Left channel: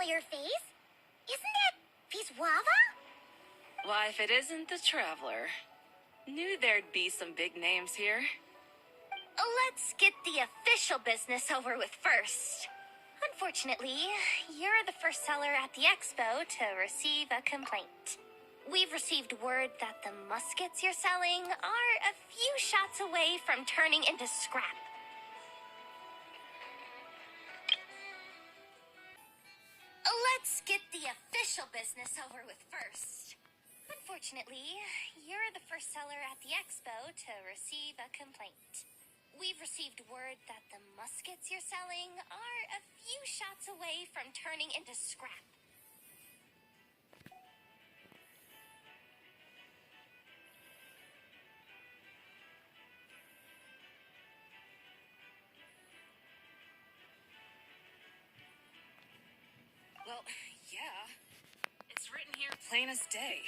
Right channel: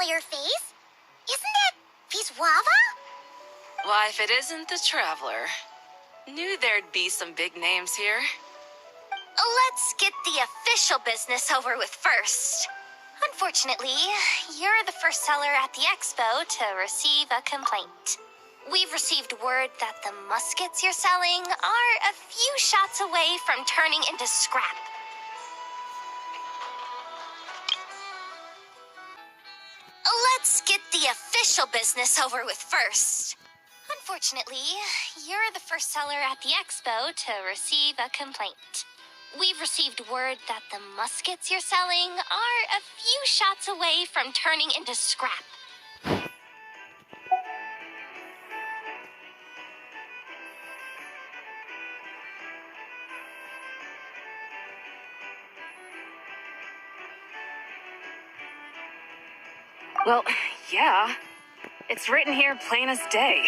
familiar face. Isn't that Viswava? Why, if it isn't the Traveler. Knew there'd be some big names here. Let's get the official business over with first. Unfortunately, you're the first seller at the expo to receive a complaint. We've received word that the muskets you're selling are a few shots away from turning into scrap. Let's get the official business over with first. Unfortunately, you're the first seller at the expo to receive a complaint. We've received word that the muskets you're selling are a few shots away from turning into scrap. Well, yeah. It's written here plain as day.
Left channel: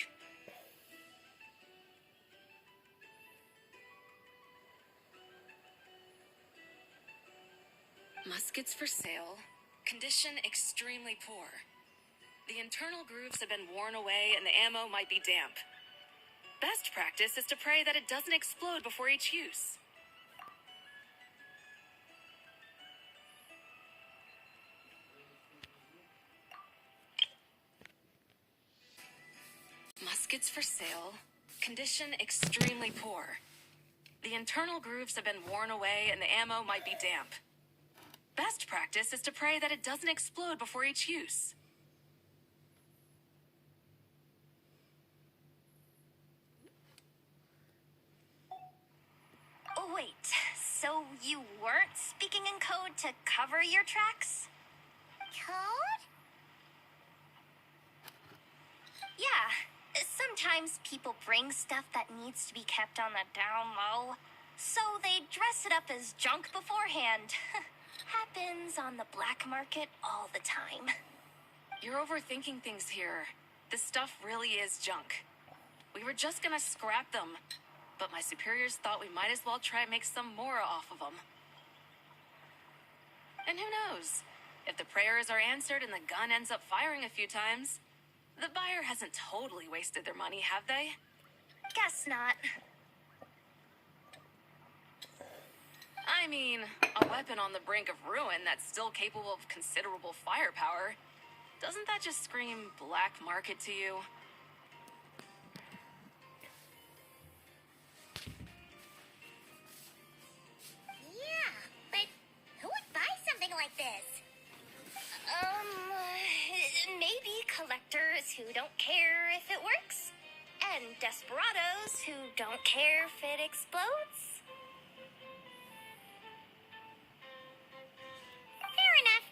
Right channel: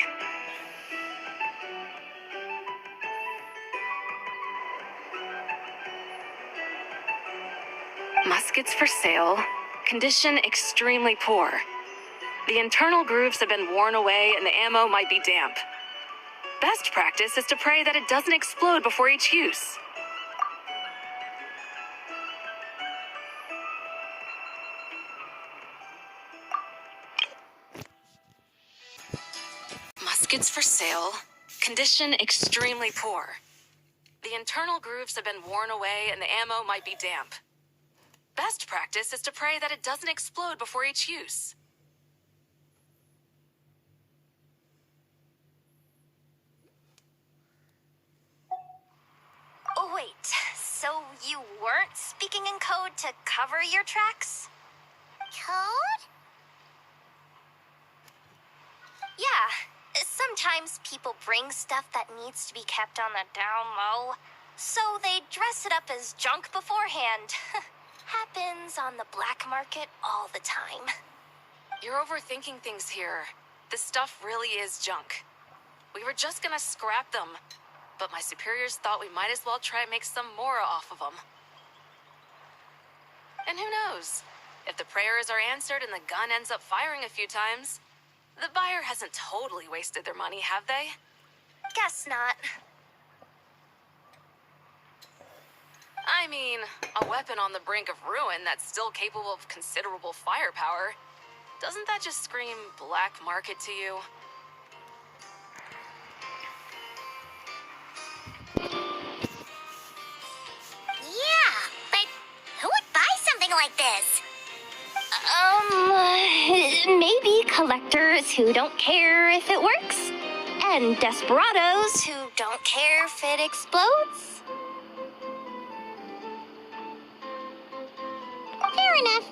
Muskets for sale. Condition extremely poor. The internal grooves have been worn away and the ammo might be damp. Best practice is to pray that it doesn't explode before each use. Muskets for sale. Condition extremely poor. The internal grooves have been worn away and the ammo might be damp. Best practice is to pray that it doesn't explode before each use. Oh, wait, so you weren't speaking in code to cover your tracks? Code? Yeah, sometimes people bring stuff that needs to be kept on the down low, so they dress it up as junk beforehand. Happens on the black market all the time. You're overthinking things here. This stuff really is junk. We were just gonna scrap them, but my superiors thought we might as well try and make some more off of them. And who knows? If the prayers are answered and the gun ends up firing a few times, the buyer hasn't totally wasted their money, have they? Guess not. I mean, a weapon on the brink of ruin that's still capable of considerable firepower. Doesn't that just scream black market to you? Yeah, but who would buy something like this? Maybe collectors who don't care if it works, and desperados who don't care if it explodes. Fair enough.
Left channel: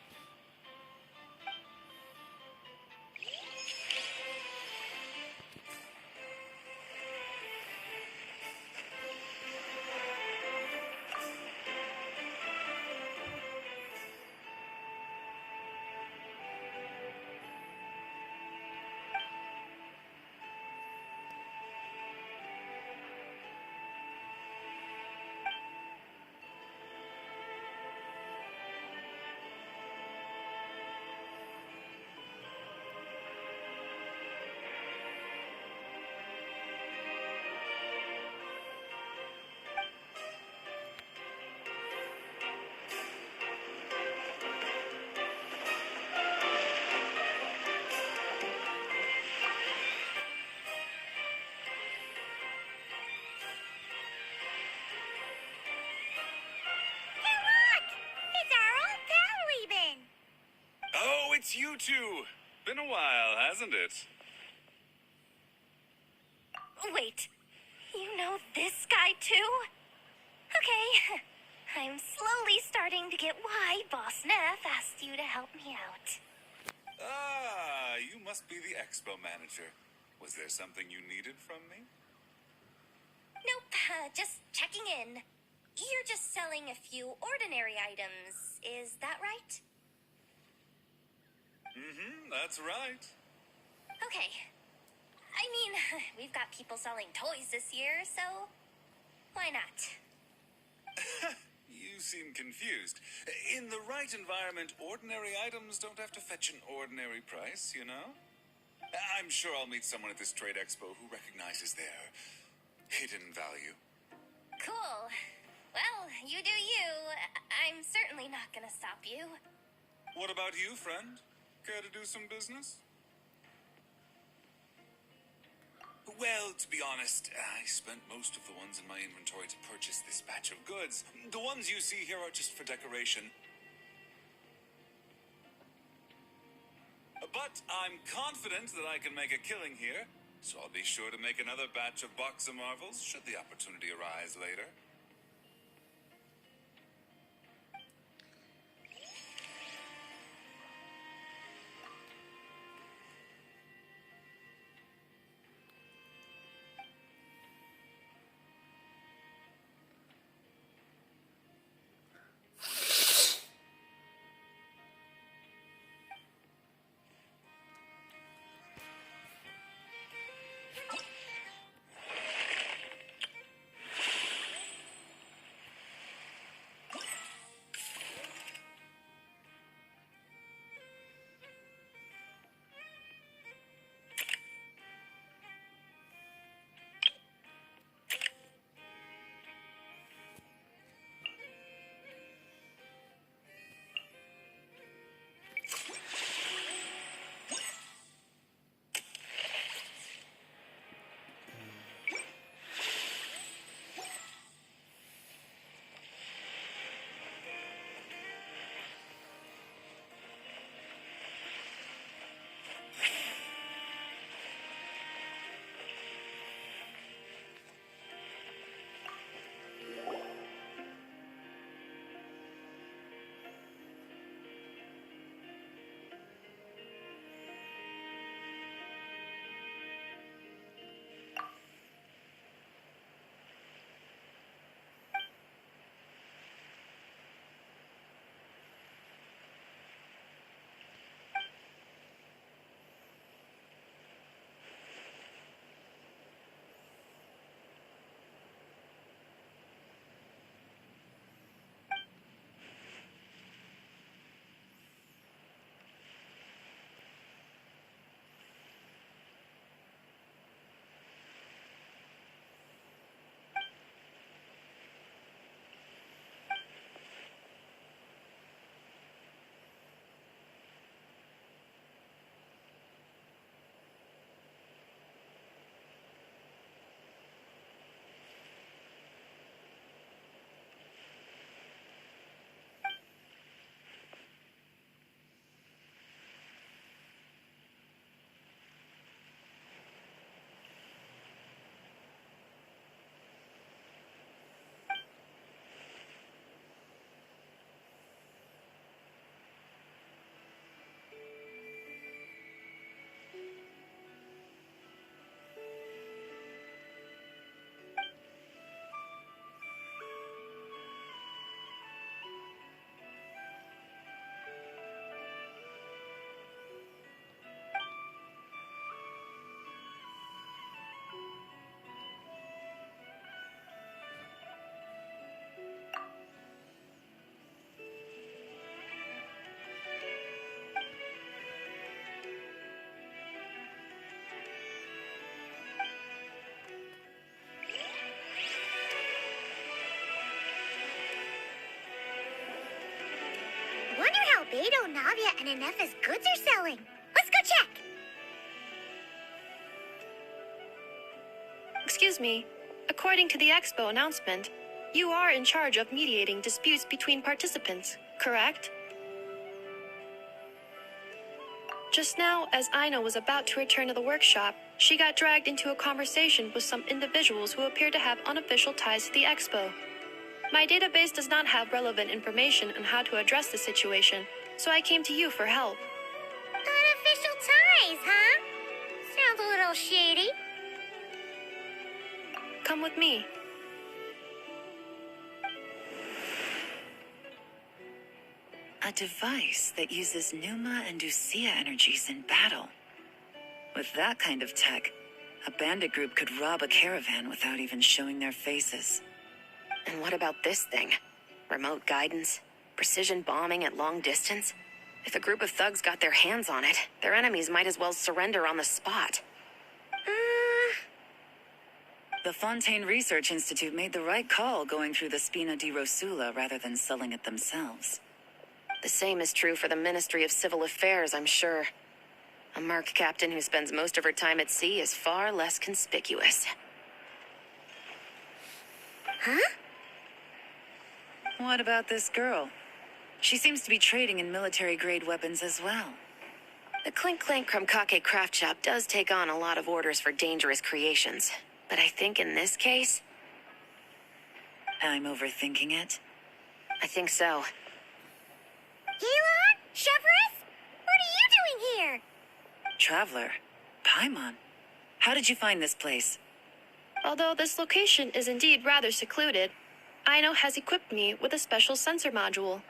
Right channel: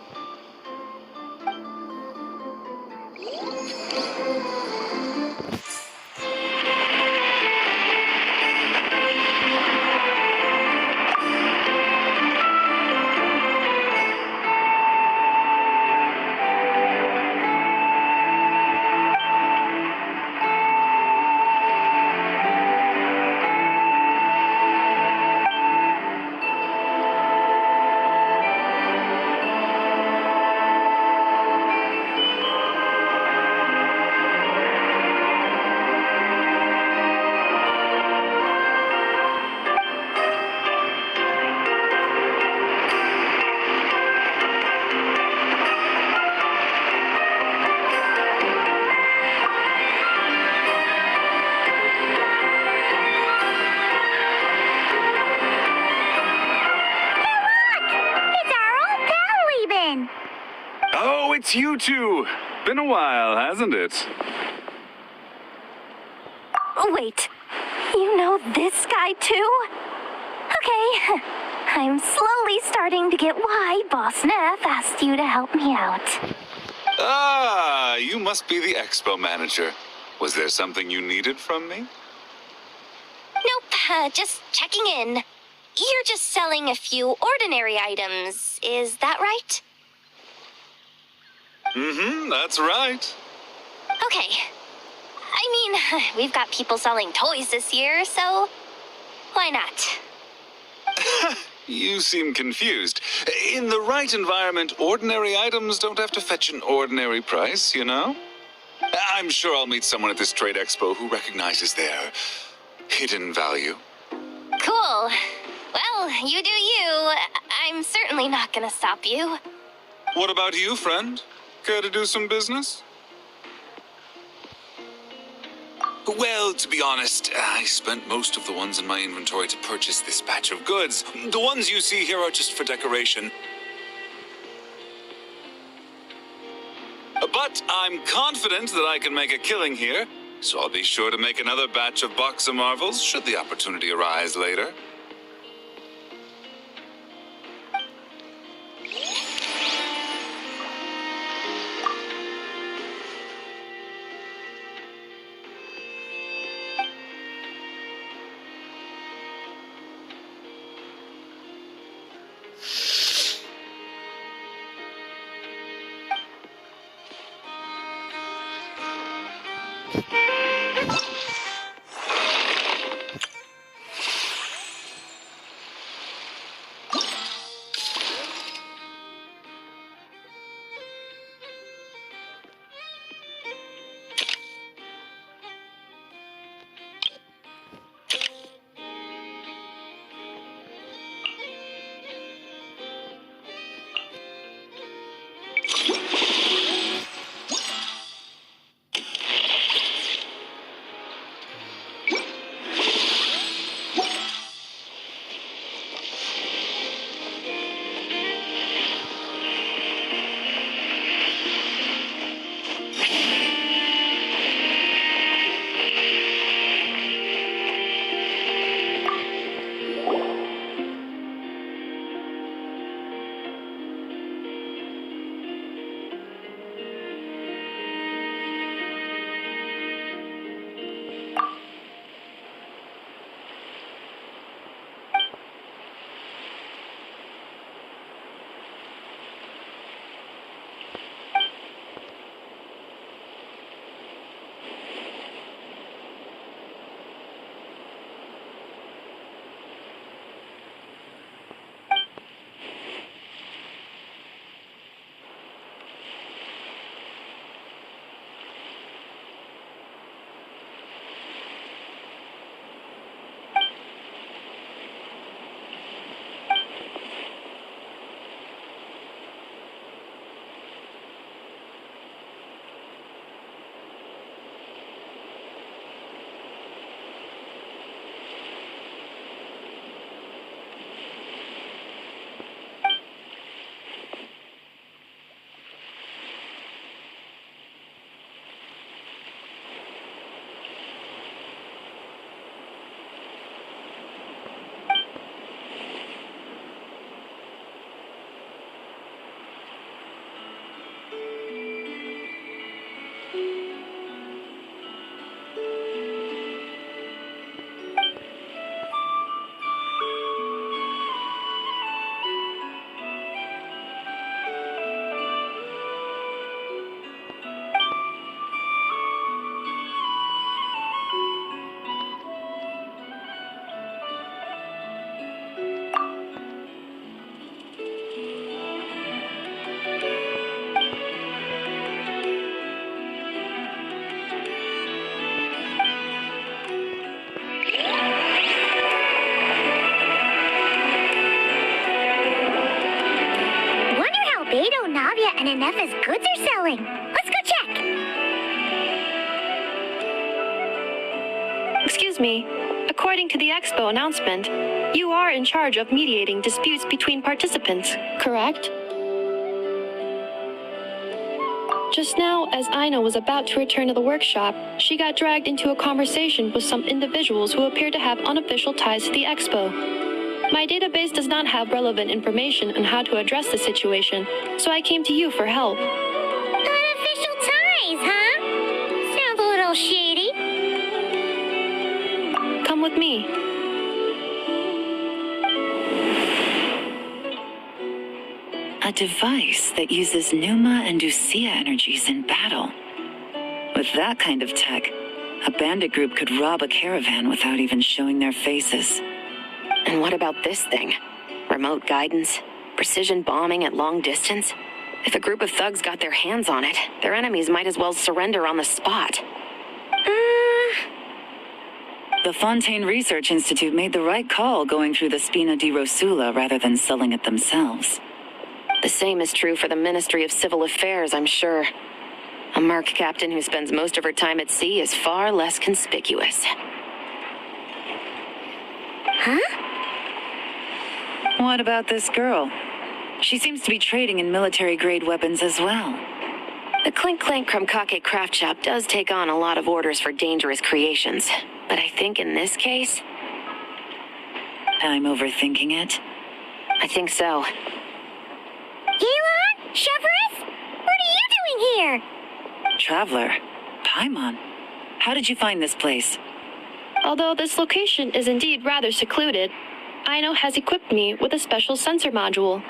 Oh, it's you two. Been a while, hasn't it? Wait, you know this guy too? Okay, I'm slowly starting to get why Boss Neff asked you to help me out. Ah, you must be the expo manager. Was there something you needed from me? Nope, just checking in. You're just selling a few ordinary items, is that right? That's right. Okay. I mean, we've got people selling toys this year, so why not? You seem confused. In the right environment, ordinary items don't have to fetch an ordinary price, you know? I'm sure I'll meet someone at this trade expo who recognizes their hidden value. Cool. Well, you do you. I'm certainly not gonna stop you. What about you, friend? Care to do some business? Well, to be honest, I spent most of the ones in my inventory to purchase this batch of goods. The ones you see here are just for decoration. But I'm confident that I can make a killing here, so I'll be sure to make another batch of Box of Marvels should the opportunity arise later. Beto, Navia, and Inef's goods are selling. Let's go check. Excuse me. According to the expo announcement, you are in charge of mediating disputes between participants, correct? Just now, as Aina was about to return to the workshop, she got dragged into a conversation with some individuals who appear to have unofficial ties to the expo. My database does not have relevant information on how to address the situation, so I came to you for help. Unofficial ties, huh? Sounds a little shady. Come with me. A device that uses Numa and Ducia energies in battle. With that kind of tech, a bandit group could rob a caravan without even showing their faces. And what about this thing? Remote guidance, precision bombing at long distance. If a group of thugs got their hands on it, their enemies might as well surrender on the spot. The Fontaine Research Institute made the right call going through the Spina di Rosula rather than selling it themselves. The same is true for the Ministry of Civil Affairs, I'm sure. A merc captain who spends most of her time at sea is far less conspicuous. Huh? What about this girl? She seems to be trading in military-grade weapons as well. The Clink Clank Krumkake craft shop does take on a lot of orders for dangerous creations. But I think in this case, I'm overthinking it. I think so. Yelan? Chevrolet? What are you doing here? Traveler, Paimon, how did you find this place? Although this location is indeed rather secluded, Aino has equipped me with a special sensor module.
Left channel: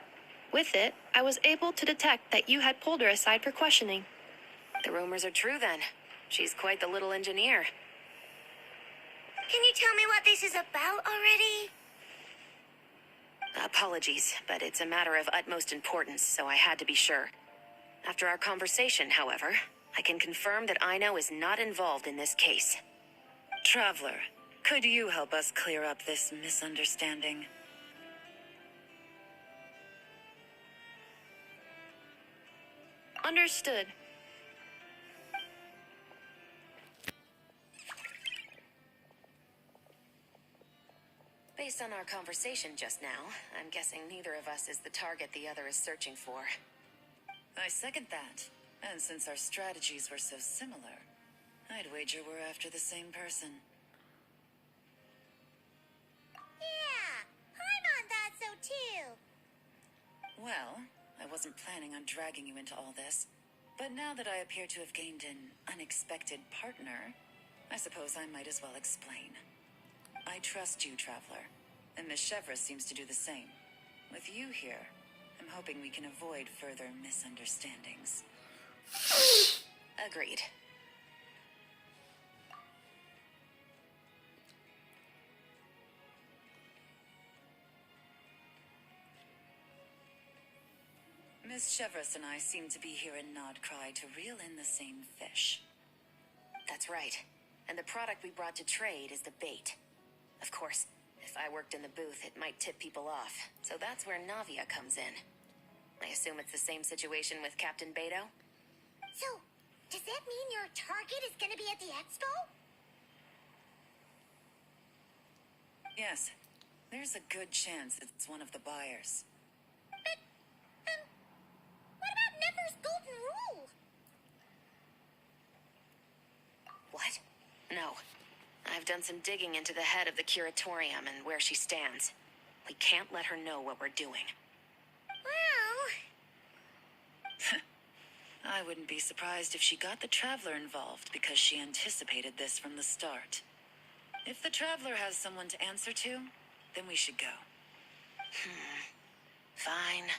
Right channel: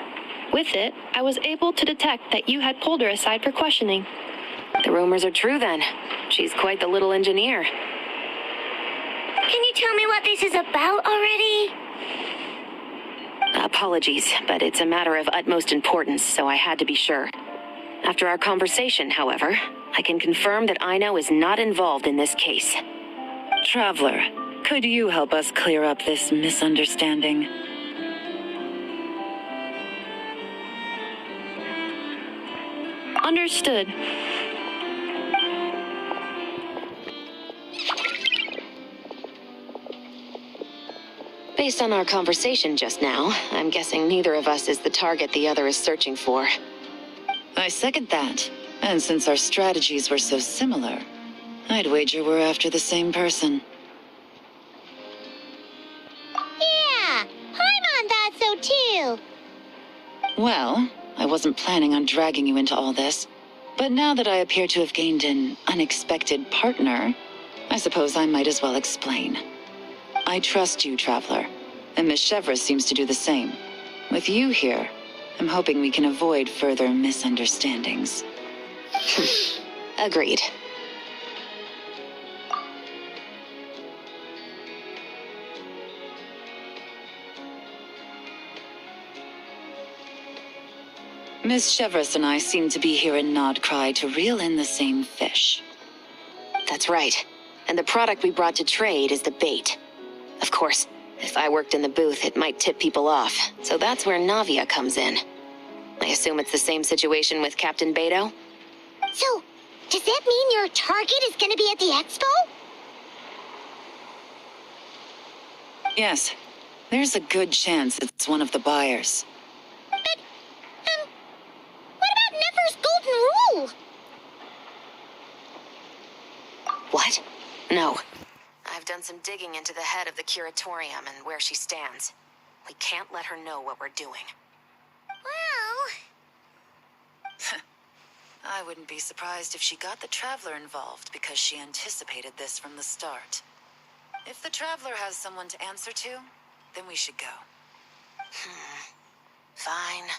With it, I was able to detect that you had pulled her aside for questioning. The rumors are true then. She's quite the little engineer. Can you tell me what this is about already? Apologies, but it's a matter of utmost importance, so I had to be sure. After our conversation, however, I can confirm that Aino is not involved in this case. Traveler, could you help us clear up this misunderstanding? Understood. Based on our conversation just now, I'm guessing neither of us is the target the other is searching for. I second that. And since our strategies were so similar, I'd wager we're after the same person. Yeah, Paimon thought so too. Well, I wasn't planning on dragging you into all this, but now that I appear to have gained an unexpected partner, I suppose I might as well explain. I trust you, Traveler, and Miss Chevrolet seems to do the same. With you here, I'm hoping we can avoid further misunderstandings. Agreed. Miss Chevrolet and I seem to be here in Nodcry to reel in the same fish. That's right. And the product we brought to trade is the bait. Of course, if I worked in the booth, it might tip people off, so that's where Navia comes in. I assume it's the same situation with Captain Beto? So, does that mean your target is gonna be at the expo? Yes, there's a good chance it's one of the buyers. But, what about Nefer's golden rule? What? No. I've done some digging into the head of the Curatorium and where she stands. We can't let her know what we're doing. Well... I wouldn't be surprised if she got the Traveler involved because she anticipated this from the start. If the Traveler has someone to answer to, then we should go. Fine.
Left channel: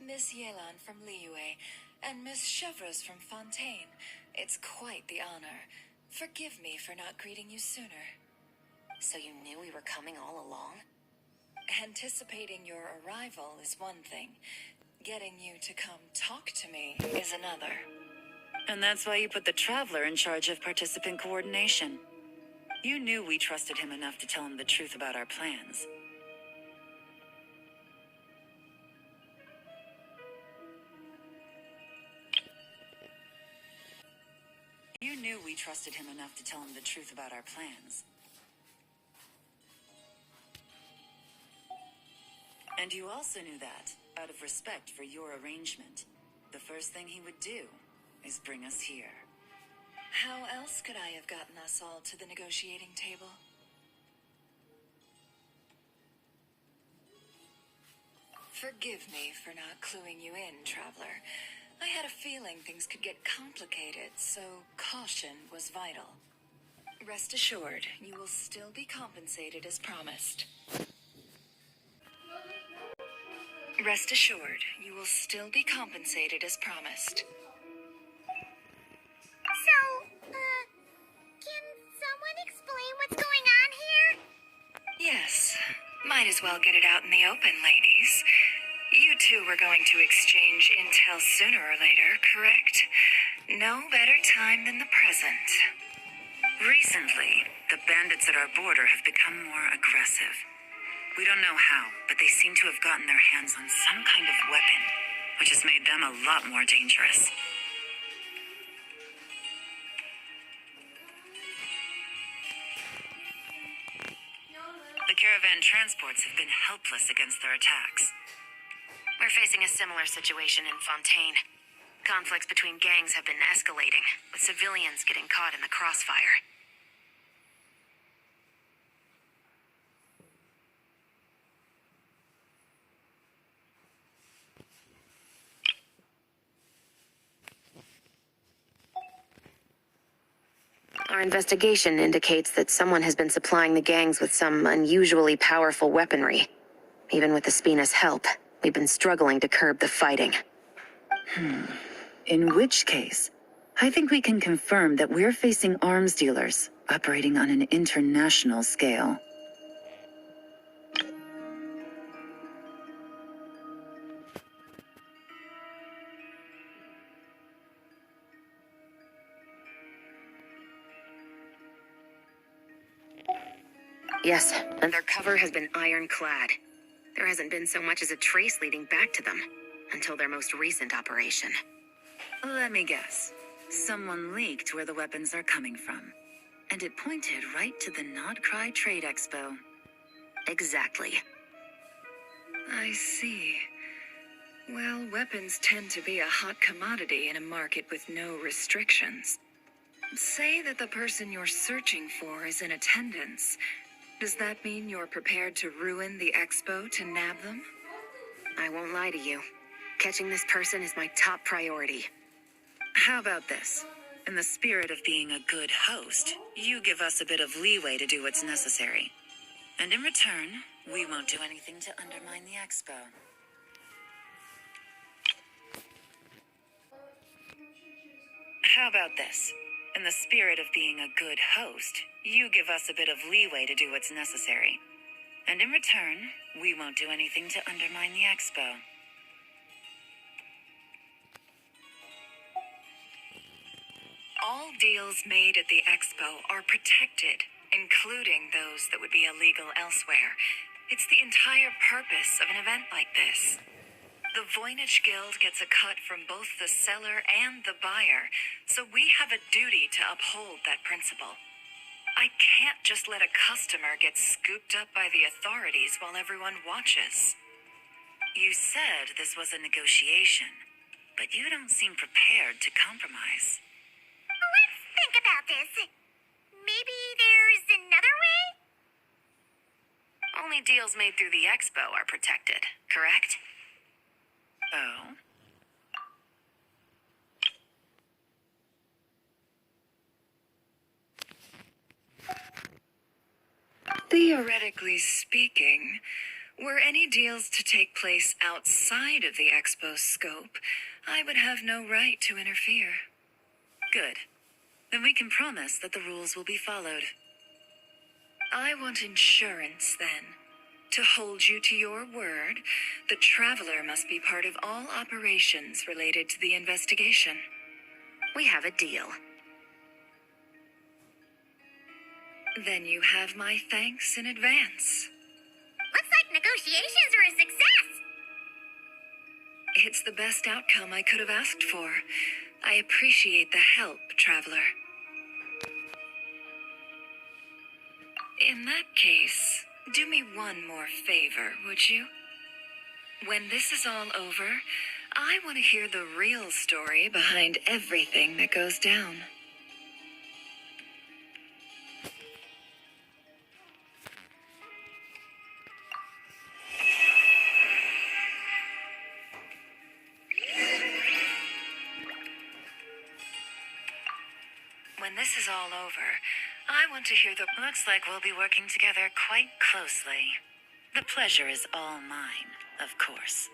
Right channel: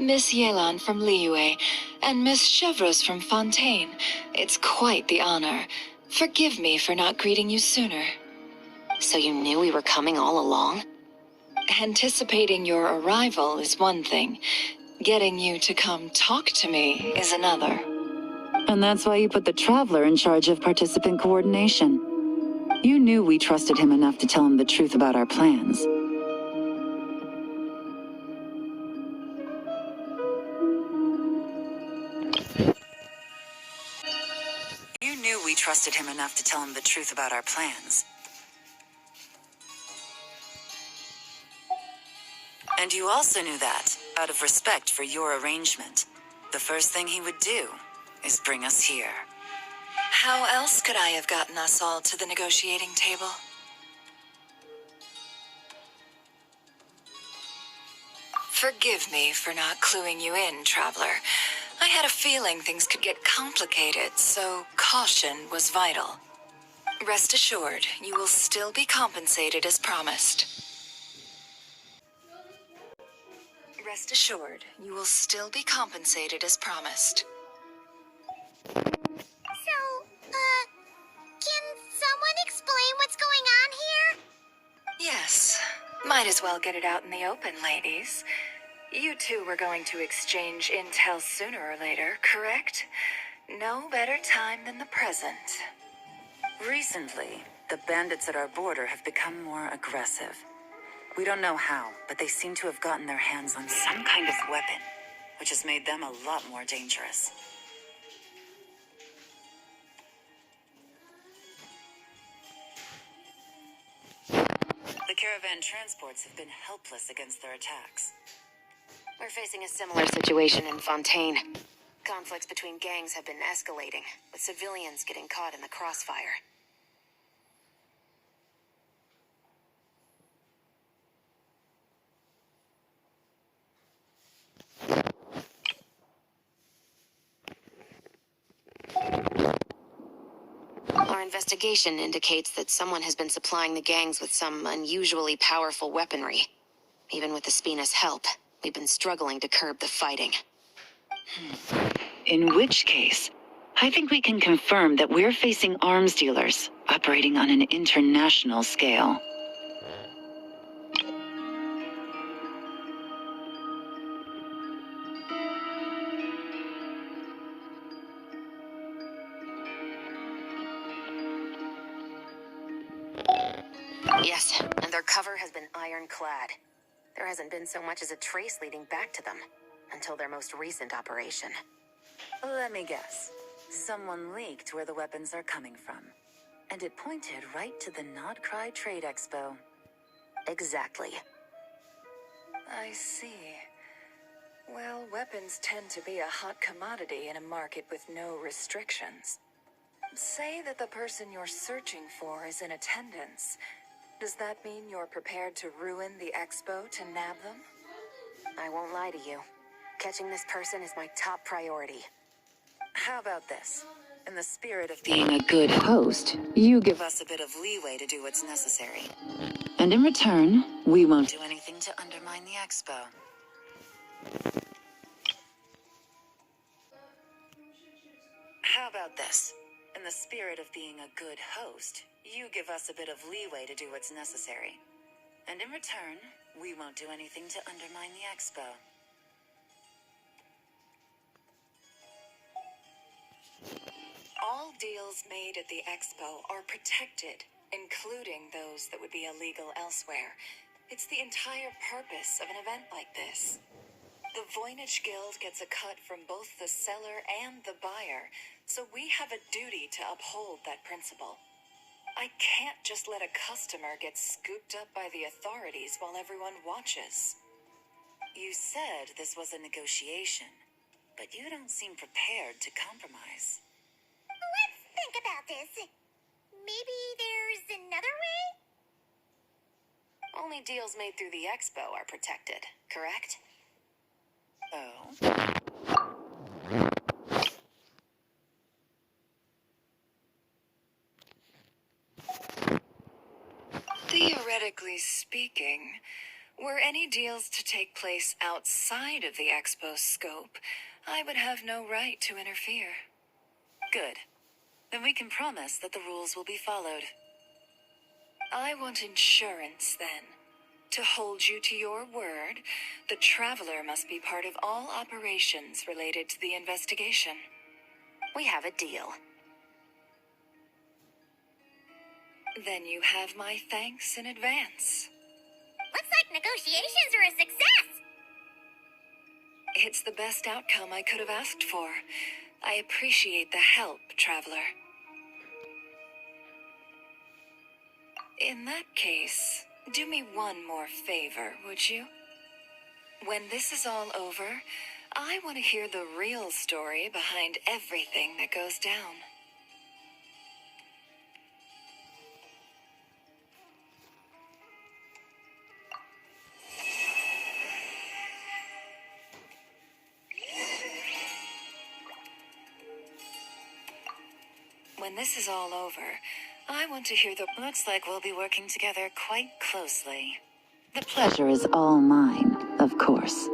Miss Yelan from Liyue, and Miss Chevreuse from Fontaine. It's quite the honor. Forgive me for not greeting you sooner. So you knew we were coming all along? Anticipating your arrival is one thing. Getting you to come talk to me is another. And that's why you put the Traveler in charge of participant coordination. You knew we trusted him enough to tell him the truth about our plans. You knew we trusted him enough to tell him the truth about our plans. And you also knew that, out of respect for your arrangement, the first thing he would do is bring us here. How else could I have gotten us all to the negotiating table? Forgive me for not cluing you in, Traveler. I had a feeling things could get complicated, so caution was vital. Rest assured, you will still be compensated as promised. Rest assured, you will still be compensated as promised. So, can someone explain what's going on here? Yes, might as well get it out in the open, ladies. You two were going to exchange intel sooner or later, correct? No better time than the present. Recently, the bandits at our border have become more aggressive. We don't know how, but they seem to have gotten their hands on some kind of weapon, which has made them a lot more dangerous. The caravan transports have been helpless against their attacks. We're facing a similar situation in Fontaine. Conflicts between gangs have been escalating, with civilians getting caught in the crossfire. Our investigation indicates that someone has been supplying the gangs with some unusually powerful weaponry. Even with the Spina's help, we've been struggling to curb the fighting. In which case, I think we can confirm that we're facing arms dealers operating on an international scale. Yes, and their cover has been ironclad. There hasn't been so much as a trace leading back to them, until their most recent operation. Let me guess. Someone leaked where the weapons are coming from. And it pointed right to the Nodcry Trade Expo. Exactly. I see. Well, weapons tend to be a hot commodity in a market with no restrictions. Say that the person you're searching for is in attendance. Does that mean you're prepared to ruin the expo to nab them? I won't lie to you. Catching this person is my top priority. How about this? In the spirit of being a good host, you give us a bit of leeway to do what's necessary. And in return, we won't do anything to undermine the expo. How about this? In the spirit of being a good host, you give us a bit of leeway to do what's necessary. And in return, we won't do anything to undermine the expo. All deals made at the expo are protected, including those that would be illegal elsewhere. It's the entire purpose of an event like this. The Voynich Guild gets a cut from both the seller and the buyer, so we have a duty to uphold that principle. I can't just let a customer get scooped up by the authorities while everyone watches. You said this was a negotiation, but you don't seem prepared to compromise. Let's think about this. Maybe there's another way? Only deals made through the expo are protected, correct? Oh? Theoretically speaking, were any deals to take place outside of the expo's scope, I would have no right to interfere. Good. Then we can promise that the rules will be followed. I want insurance, then. To hold you to your word, the Traveler must be part of all operations related to the investigation. we have a deal. Then you have my thanks in advance. Looks like negotiations are a success! It's the best outcome I could have asked for. I appreciate the help, Traveler. In that case, do me one more favor, would you? When this is all over, I want to hear the real story behind everything that goes down. When this is all over, I want to hear the... Looks like we'll be working together quite closely. The pleasure is all mine, of course.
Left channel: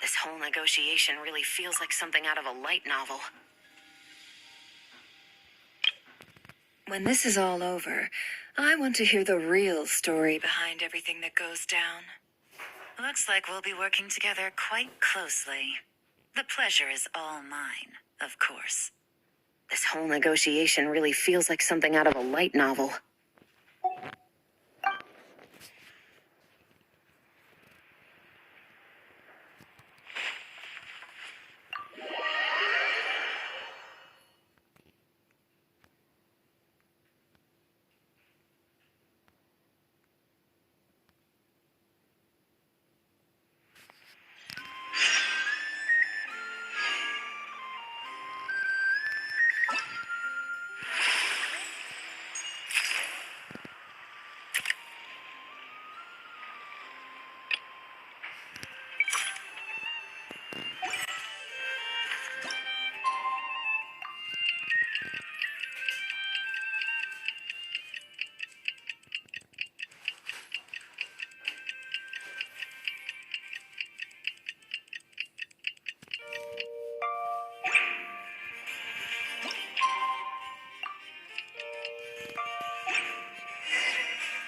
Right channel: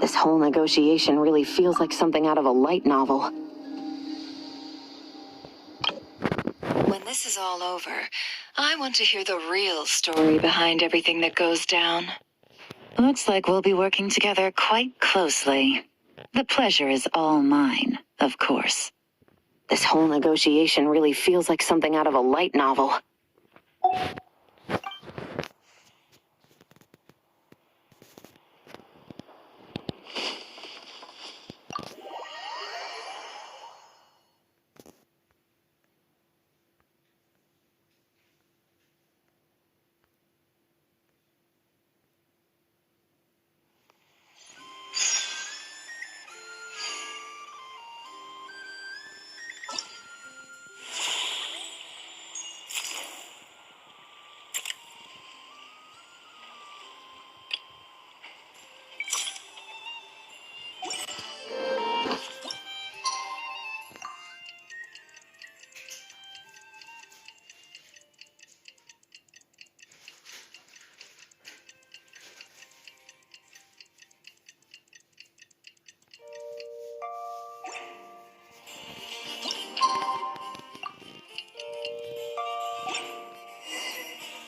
This whole negotiation really feels like something out of a light novel. When this is all over, I want to hear the real story behind everything that goes down. Looks like we'll be working together quite closely. The pleasure is all mine, of course. This whole negotiation really feels like something out of a light novel.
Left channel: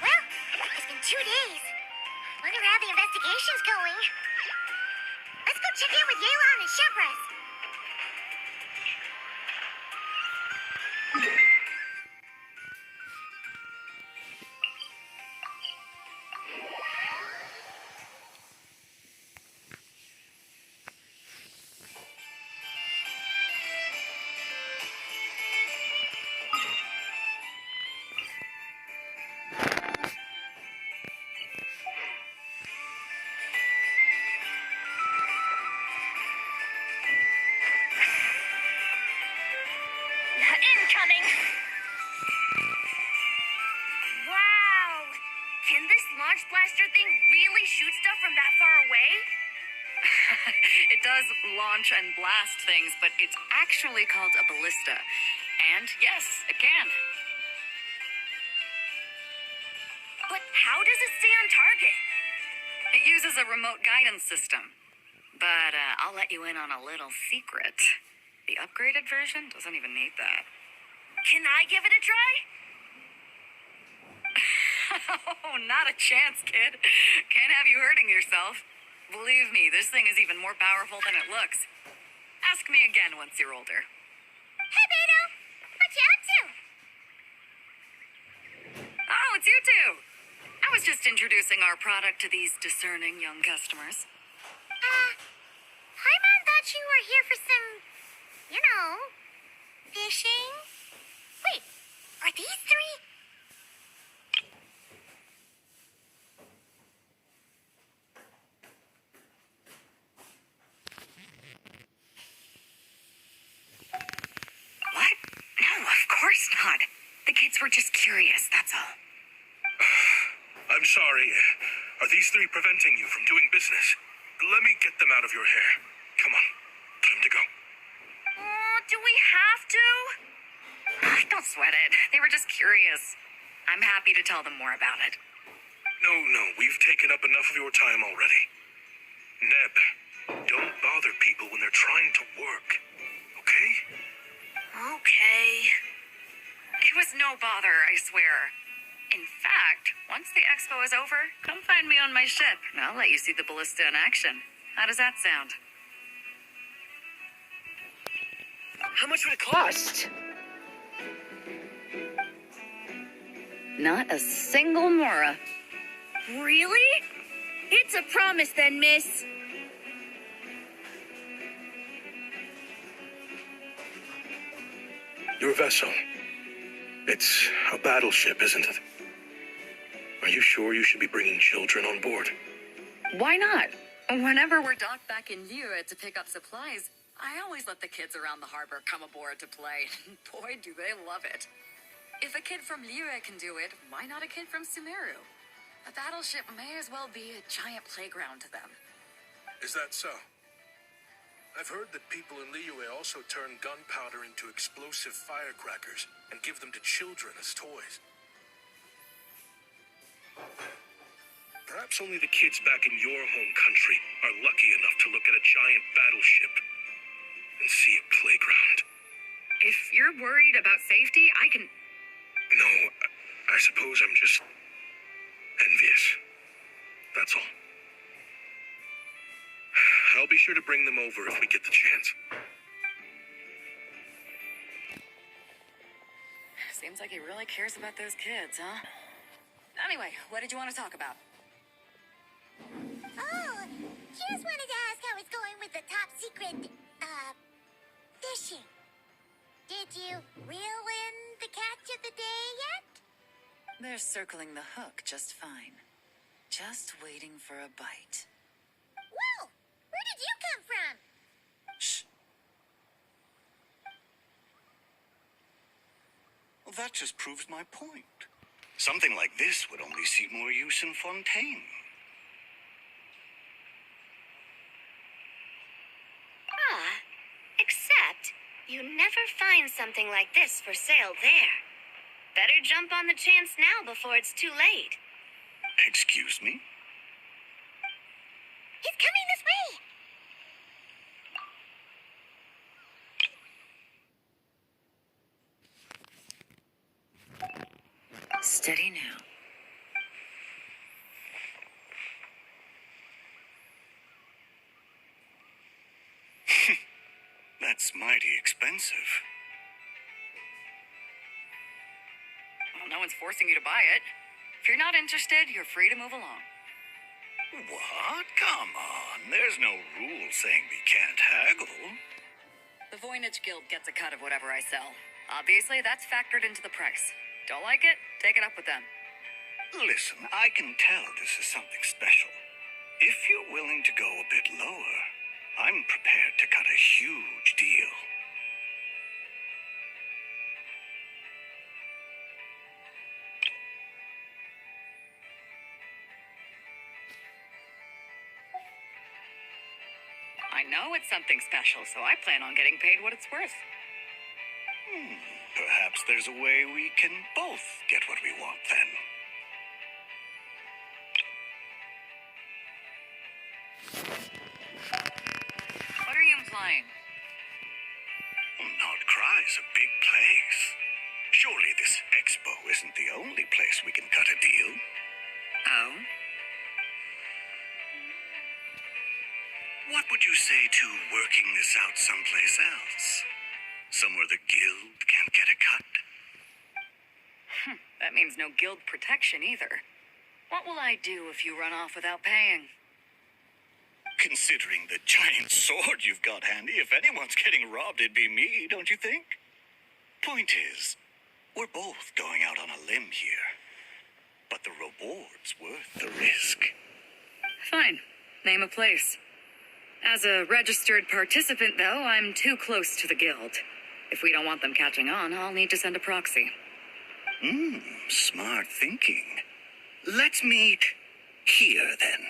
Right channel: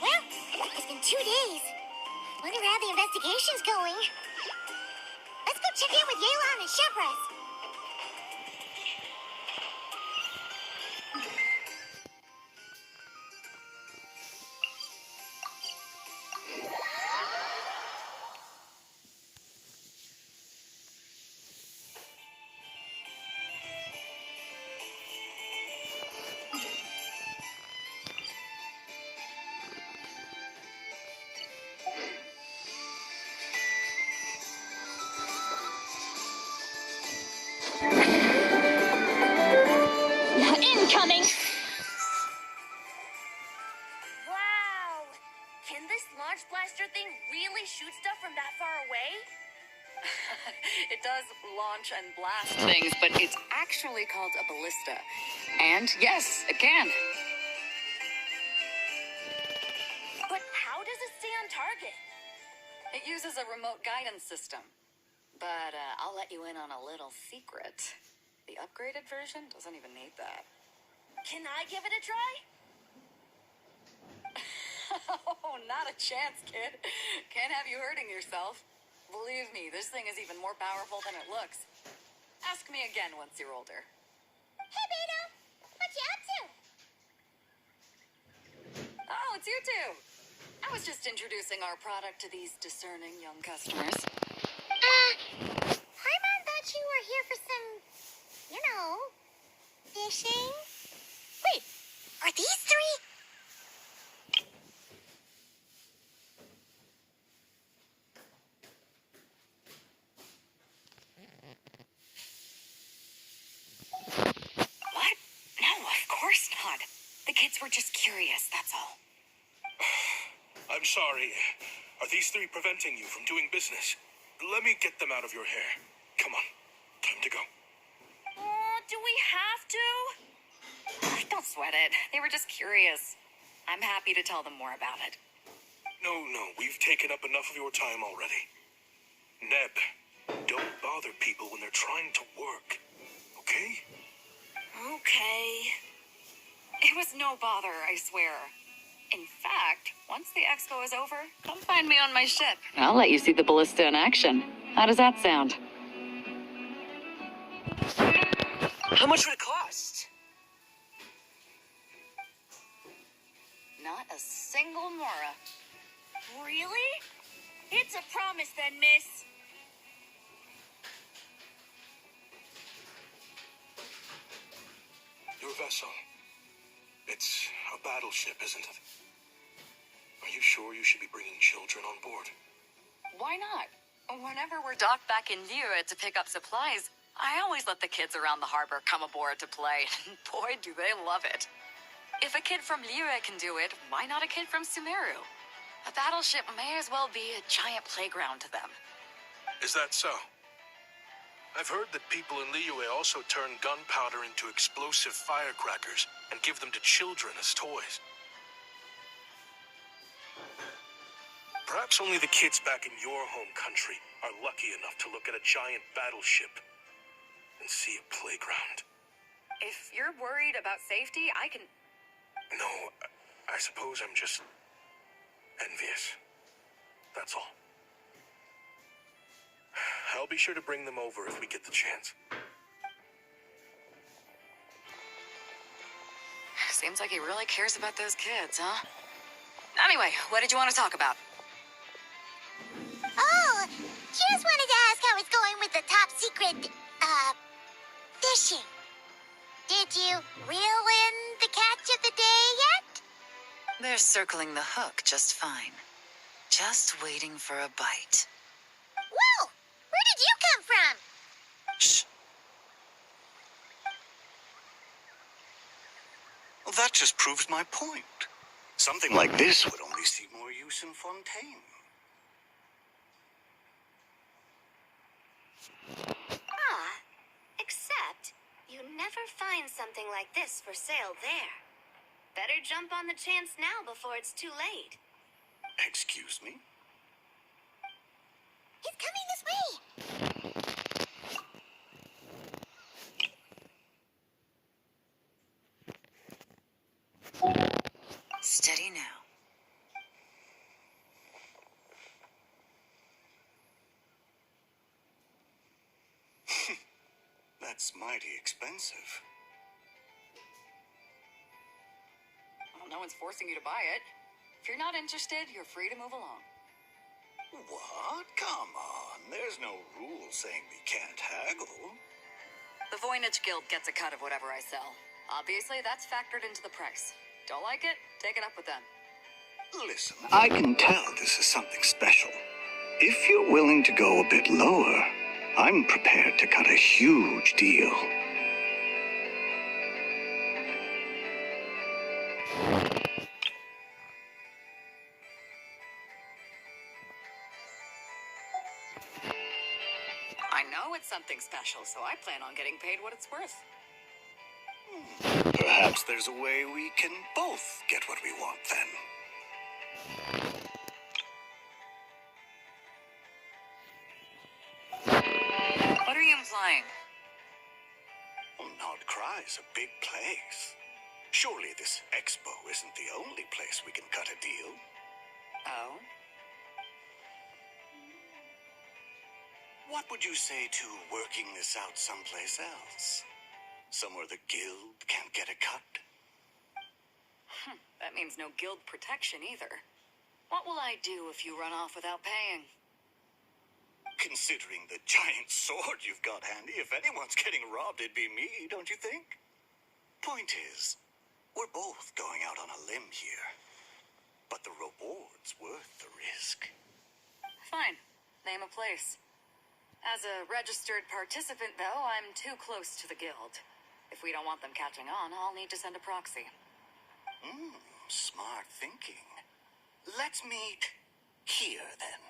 Well, it's been 2 days. Wonder how the investigation's going. Let's go check in with Yelan and Shepras. Incoming! Wow! Can this launch blaster thing really shoot stuff from that far away? It does launch and blast things, but it's actually called a ballista. And yes, it can. But how does it stay on target? It uses a remote guidance system. But I'll let you in on a little secret. The upgraded version doesn't even need that. Can I give it a try? Oh, not a chance, kid. Can't have you hurting yourself. Believe me, this thing is even more powerful than it looks. Ask me again once you're older. Hey, Beto! What you up to? Oh, it's you two. I was just introducing our product to these discerning young customers. Paimon thought you were here for some, fishing? Wait, are these three? What? No, of course not. The kids were just curious, that's all. I'm sorry. Are these three preventing you from doing business? Let me get them out of your hair. Come on. Time to go. Oh, do we have to? Don't sweat it. They were just curious. I'm happy to tell them more about it. No, we've taken up enough of your time already. Neb, don't bother people when they're trying to work. Okay? Okay. It was no bother, I swear. In fact, once the expo is over, come find me on my ship. I'll let you see the ballista in action. How does that sound? How much would it cost? Not a single Mora. Really? It's a promise then, miss. Your vessel. It's a battleship, isn't it? Are you sure you should be bringing children on board? Why not? Whenever we're docked back in Liyue to pick up supplies, I always let the kids around the harbor come aboard to play. Boy, do they love it. If a kid from Liyue can do it, why not a kid from Sumeru? A battleship may as well be a giant playground to them. Is that so? I've heard that people in Liyue also turn gunpowder into explosive firecrackers and give them to children as toys. Perhaps only the kids back in your home country are lucky enough to look at a giant battleship and see a playground. If you're worried about safety, I can... No, I suppose I'm just envious. That's all. I'll be sure to bring them over if we get the chance. Seems like he really cares about those kids, huh? Anyway, what did you want to talk about? Oh, just wanted to ask how it's going with the top secret, fishing. Did you reel in the catch of the day yet? They're circling the hook just fine. Just waiting for a bite. Whoa! Where did you come from? Shh. Well, that just proves my point. Something like this would only see more use in Fontaine. Except, you never find something like this for sale there. Better jump on the chance now before it's too late. Excuse me? He's coming this way! Steady now. That's mighty expensive. Well, no one's forcing you to buy it. If you're not interested, you're free to move along. What? Come on. There's no rule saying we can't haggle. The Voynich Guild gets a cut of whatever I sell. Obviously, that's factored into the price. Don't like it? Take it up with them. Listen, I can tell this is something special. If you're willing to go a bit lower, I'm prepared to cut a huge deal. I know it's something special, so I plan on getting paid what it's worth. Perhaps there's a way we can both get what we want then. What are you implying? Nod Cry's a big place. Surely this expo isn't the only place we can cut a deal. Oh? What would you say to working this out someplace else? Somewhere the guild can't get a cut? That means no guild protection either. What will I do if you run off without paying? Considering the giant sword you've got handy, if anyone's getting robbed, it'd be me, don't you think? Point is, we're both going out on a limb here. But the reward's worth the risk. Fine. Name a place. As a registered participant, though, I'm too close to the guild. If we don't want them catching on, I'll need to send a proxy. Smart thinking. Let's meet here, then.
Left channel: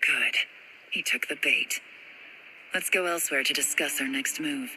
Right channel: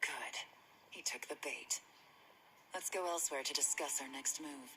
Good. He took the bait. Let's go elsewhere to discuss our next move.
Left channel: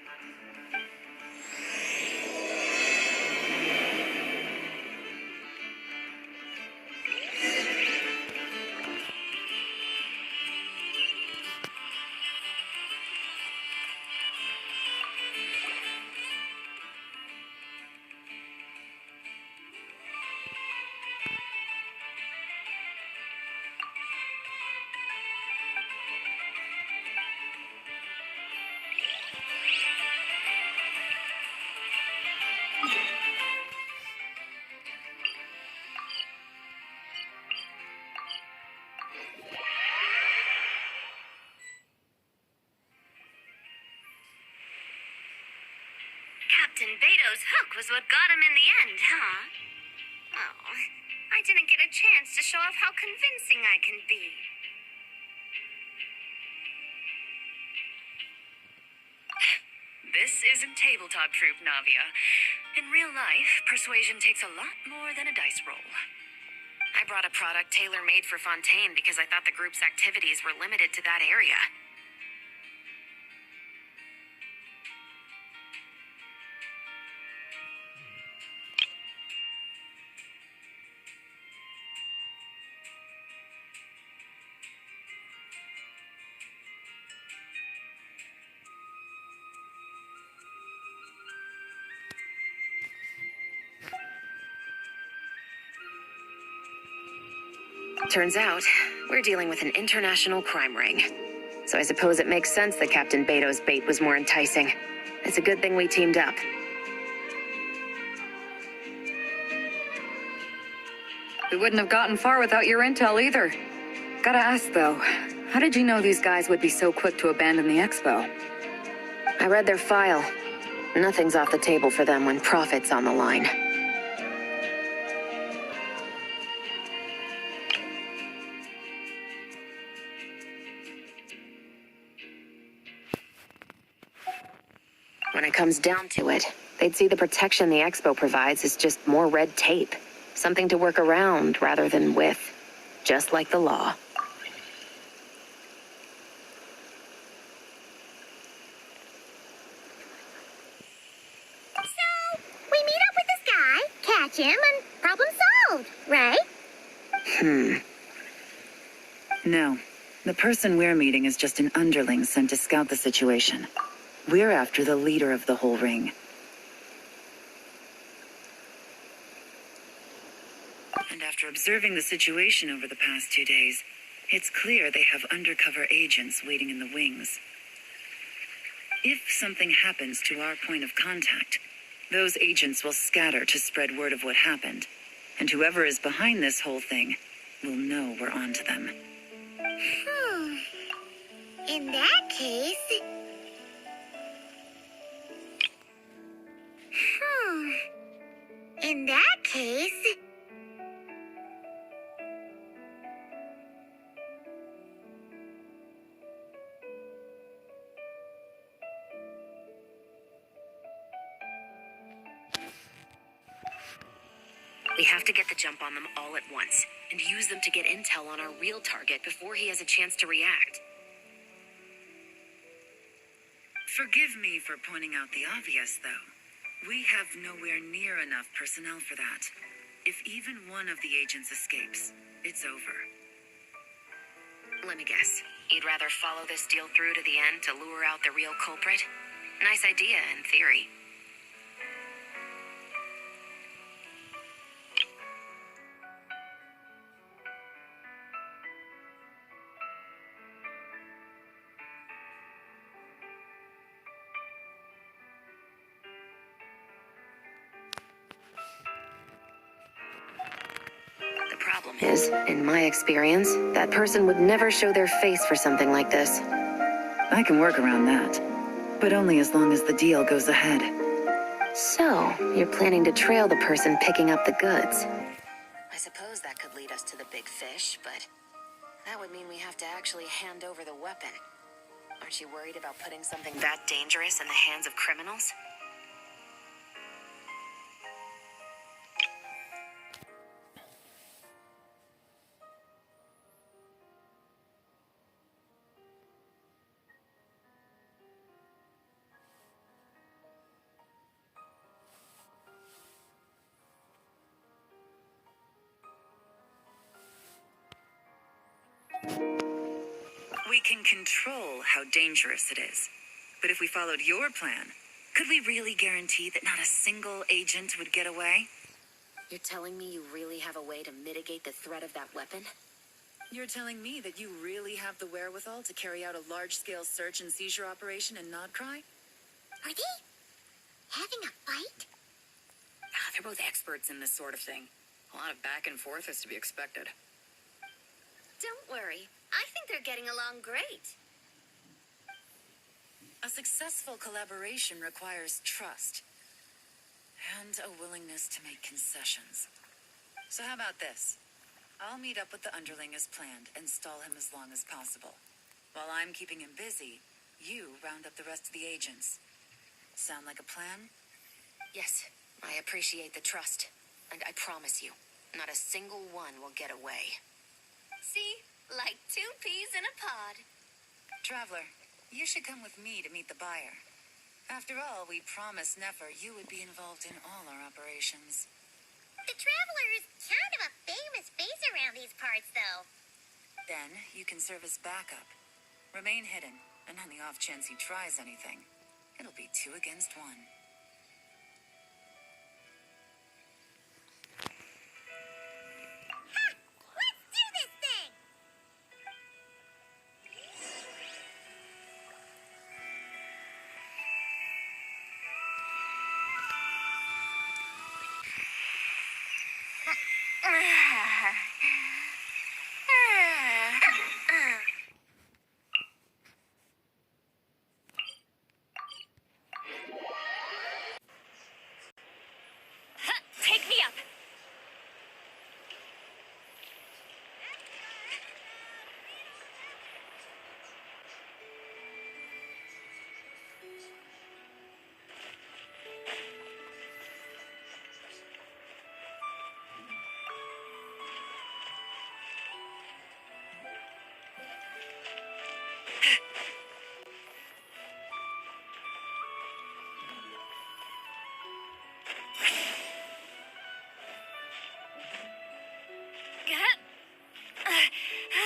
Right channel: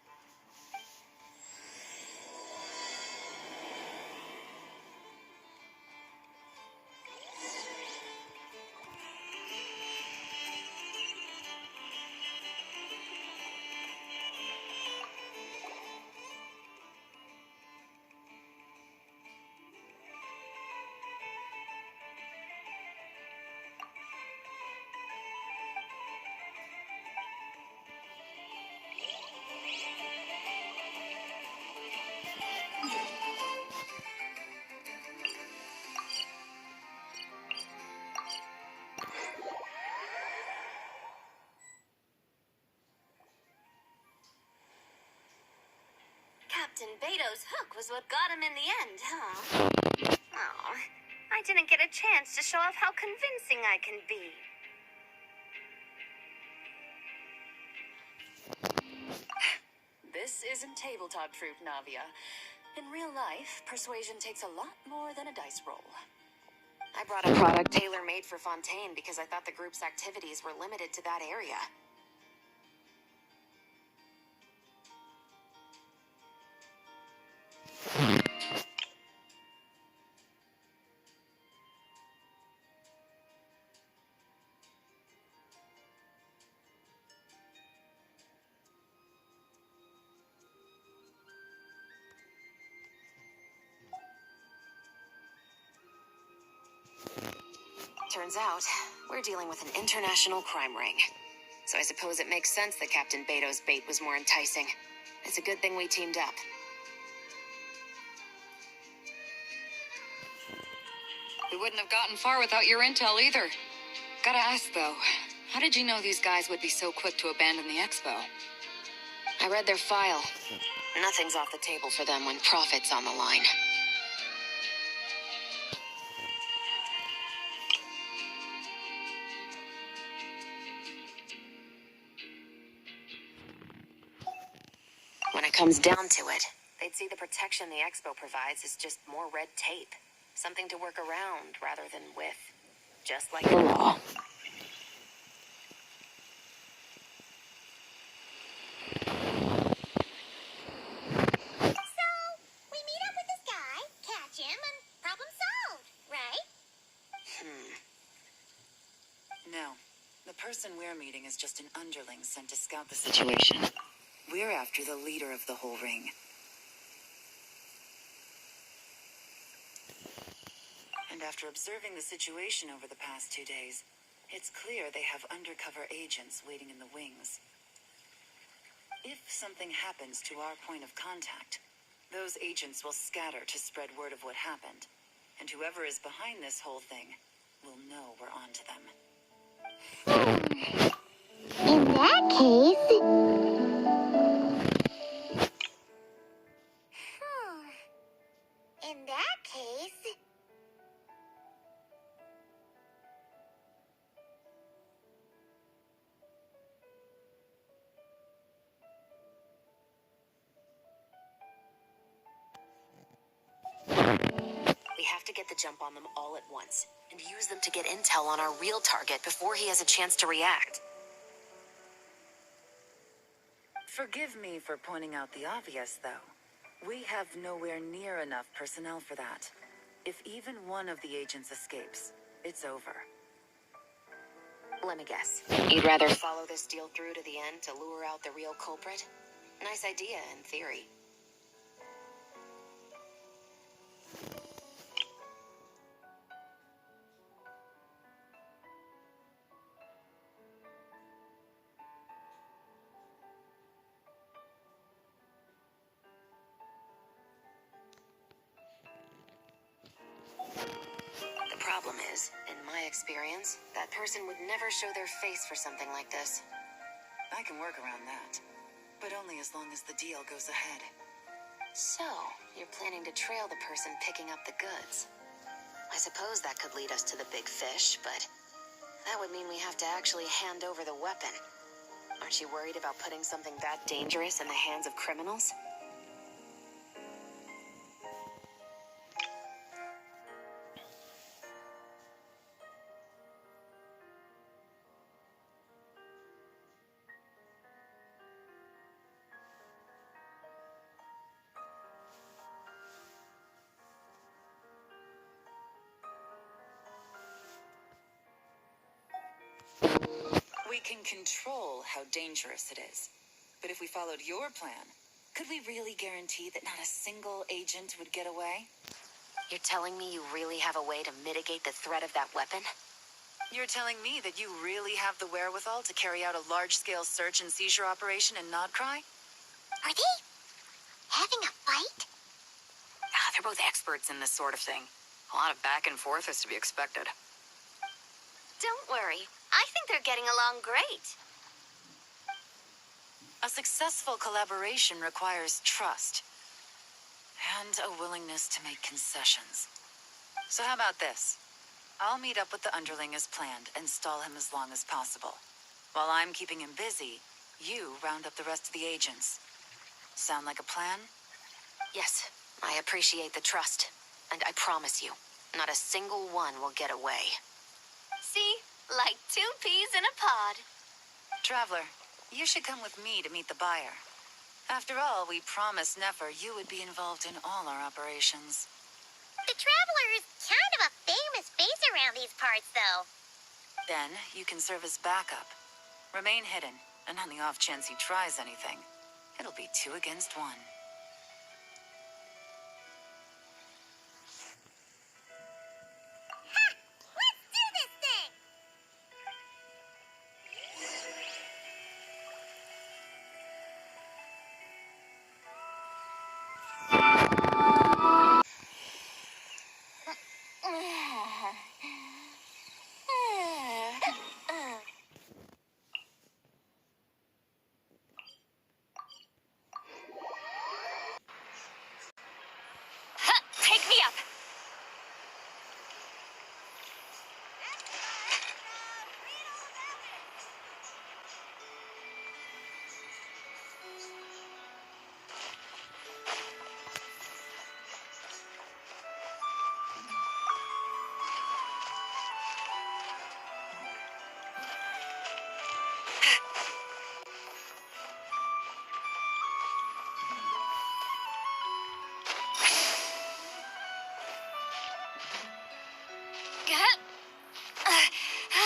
Captain Beto's hook was what got him in the end, huh? Oh, I didn't get a chance to show off how convincing I can be. This isn't tabletop troop, Navia. In real life, persuasion takes a lot more than a dice roll. I brought a product tailor-made for Fontaine because I thought the group's activities were limited to that area. Turns out, we're dealing with an international crime ring. So I suppose it makes sense that Captain Beto's bait was more enticing. It's a good thing we teamed up. We wouldn't have gotten far without your intel either. Gotta ask though, how did you know these guys would be so quick to abandon the expo? I read their file. Nothing's off the table for them when profit's on the line. When it comes down to it, they'd see the protection the expo provides as just more red tape. Something to work around rather than with. Just like the law. So, we meet up with this guy, catch him, and problem solved, right? No. The person we're meeting is just an underling sent to scout the situation. We're after the leader of the whole ring. And after observing the situation over the past 2 days, it's clear they have undercover agents waiting in the wings. If something happens to our point of contact, those agents will scatter to spread word of what happened. And whoever is behind this whole thing will know we're onto them. In that case... In that case... We have to get the jump on them all at once, and use them to get intel on our real target before he has a chance to react. Forgive me for pointing out the obvious, though. We have nowhere near enough personnel for that. If even one of the agents escapes, it's over. Let me guess. You'd rather follow this deal through to the end to lure out the real culprit? Nice idea, in theory. The problem is, in my experience, that person would never show their face for something like this. I can work around that, but only as long as the deal goes ahead. So, you're planning to trail the person picking up the goods. I suppose that could lead us to the big fish, but that would mean we have to actually hand over the weapon. Aren't you worried about putting something that dangerous in the hands of criminals? We can control how dangerous it is. But if we followed your plan, could we really guarantee that not a single agent would get away? You're telling me you really have a way to mitigate the threat of that weapon? You're telling me that you really have the wherewithal to carry out a large-scale search and seizure operation in Nodcry? Are they having a fight? They're both experts in this sort of thing. A lot of back and forth is to be expected. Don't worry. I think they're getting along great. A successful collaboration requires trust. And a willingness to make concessions. So how about this? I'll meet up with the underling as planned and stall him as long as possible. While I'm keeping him busy, you round up the rest of the agents. Sound like a plan? Yes, I appreciate the trust. And I promise you, not a single one will get away. See? Like 2 peas in a pod. Traveler, you should come with me to meet the buyer. After all, we promised Nefer you would be involved in all our operations. The Traveler is kind of a famous face around these parts, though. Then you can serve as backup. Remain hidden, and on the off chance he tries anything, it'll be 2 against 1. Ha! Let's do this thing! Take me up!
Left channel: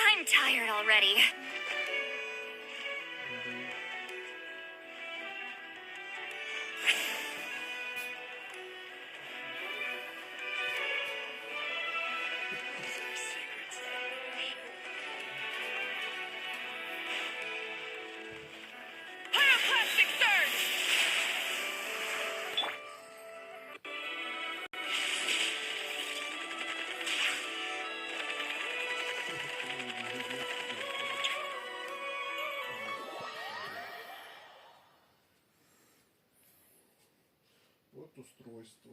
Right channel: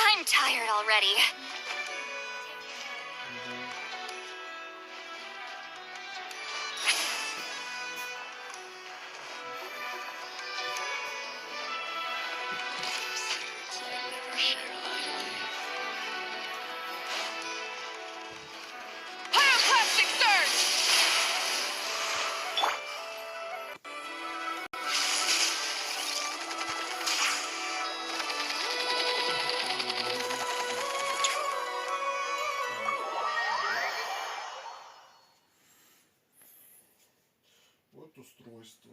I'm tired already. Pyroclastic surge! Вот устройство.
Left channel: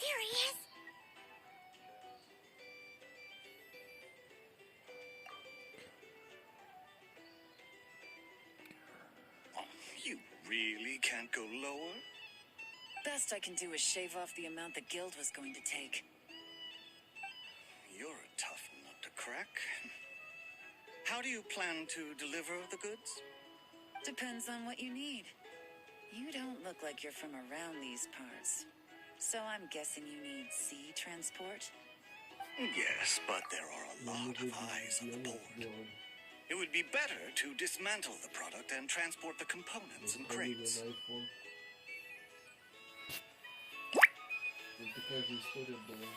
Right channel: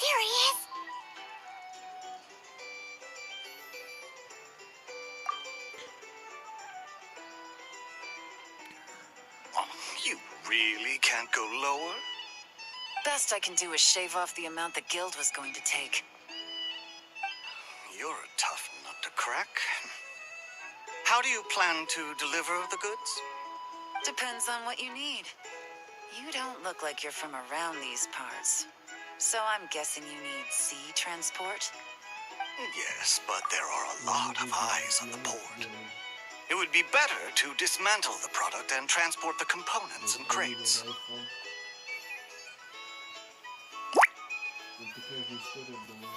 There he is! Oh, you really can't go lower? Best I can do is shave off the amount the guild was going to take. You're a tough nut to crack. How do you plan to deliver the goods? Depends on what you need. You don't look like you're from around these parts. So I'm guessing you need sea transport? Yes, but there are a lot of eyes on the port. It would be better to dismantle the product and transport the components in crates. Такая же история была.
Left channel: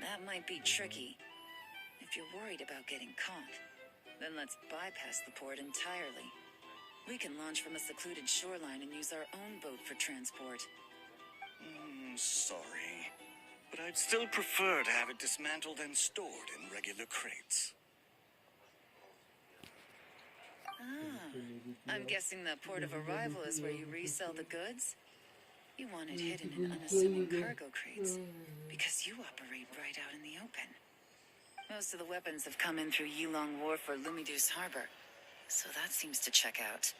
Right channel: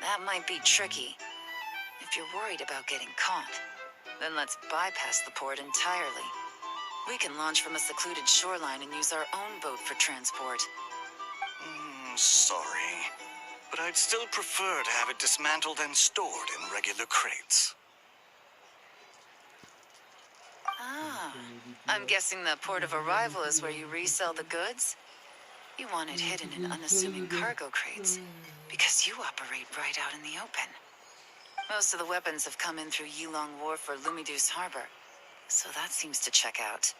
That might be tricky. If you're worried about getting caught, then let's bypass the port entirely. We can launch from a secluded shoreline and use our own boat for transport. Sorry, but I'd still prefer to have it dismantled and stored in regular crates. I'm guessing the port of arrival is where you resell the goods? You want it hidden in unassuming cargo crates, because you operate right out in the open. Most of the weapons have come in through Yilong Wharf or Lumidus Harbor, so that seems to check out.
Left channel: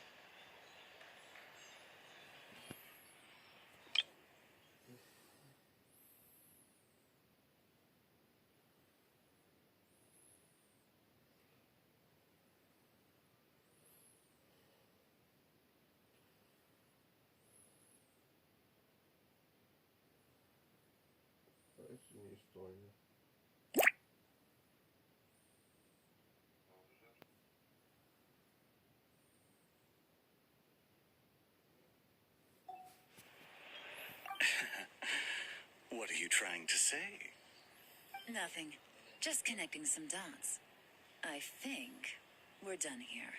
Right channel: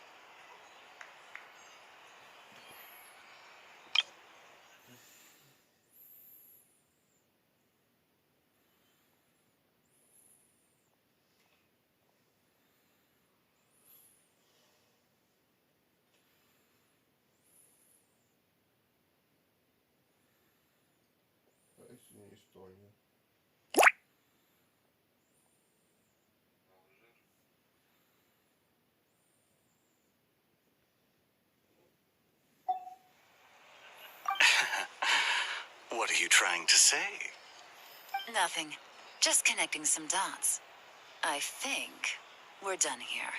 Parece uma história. What are you trying to say? Nothing. Just connecting some dots. I think we're done here.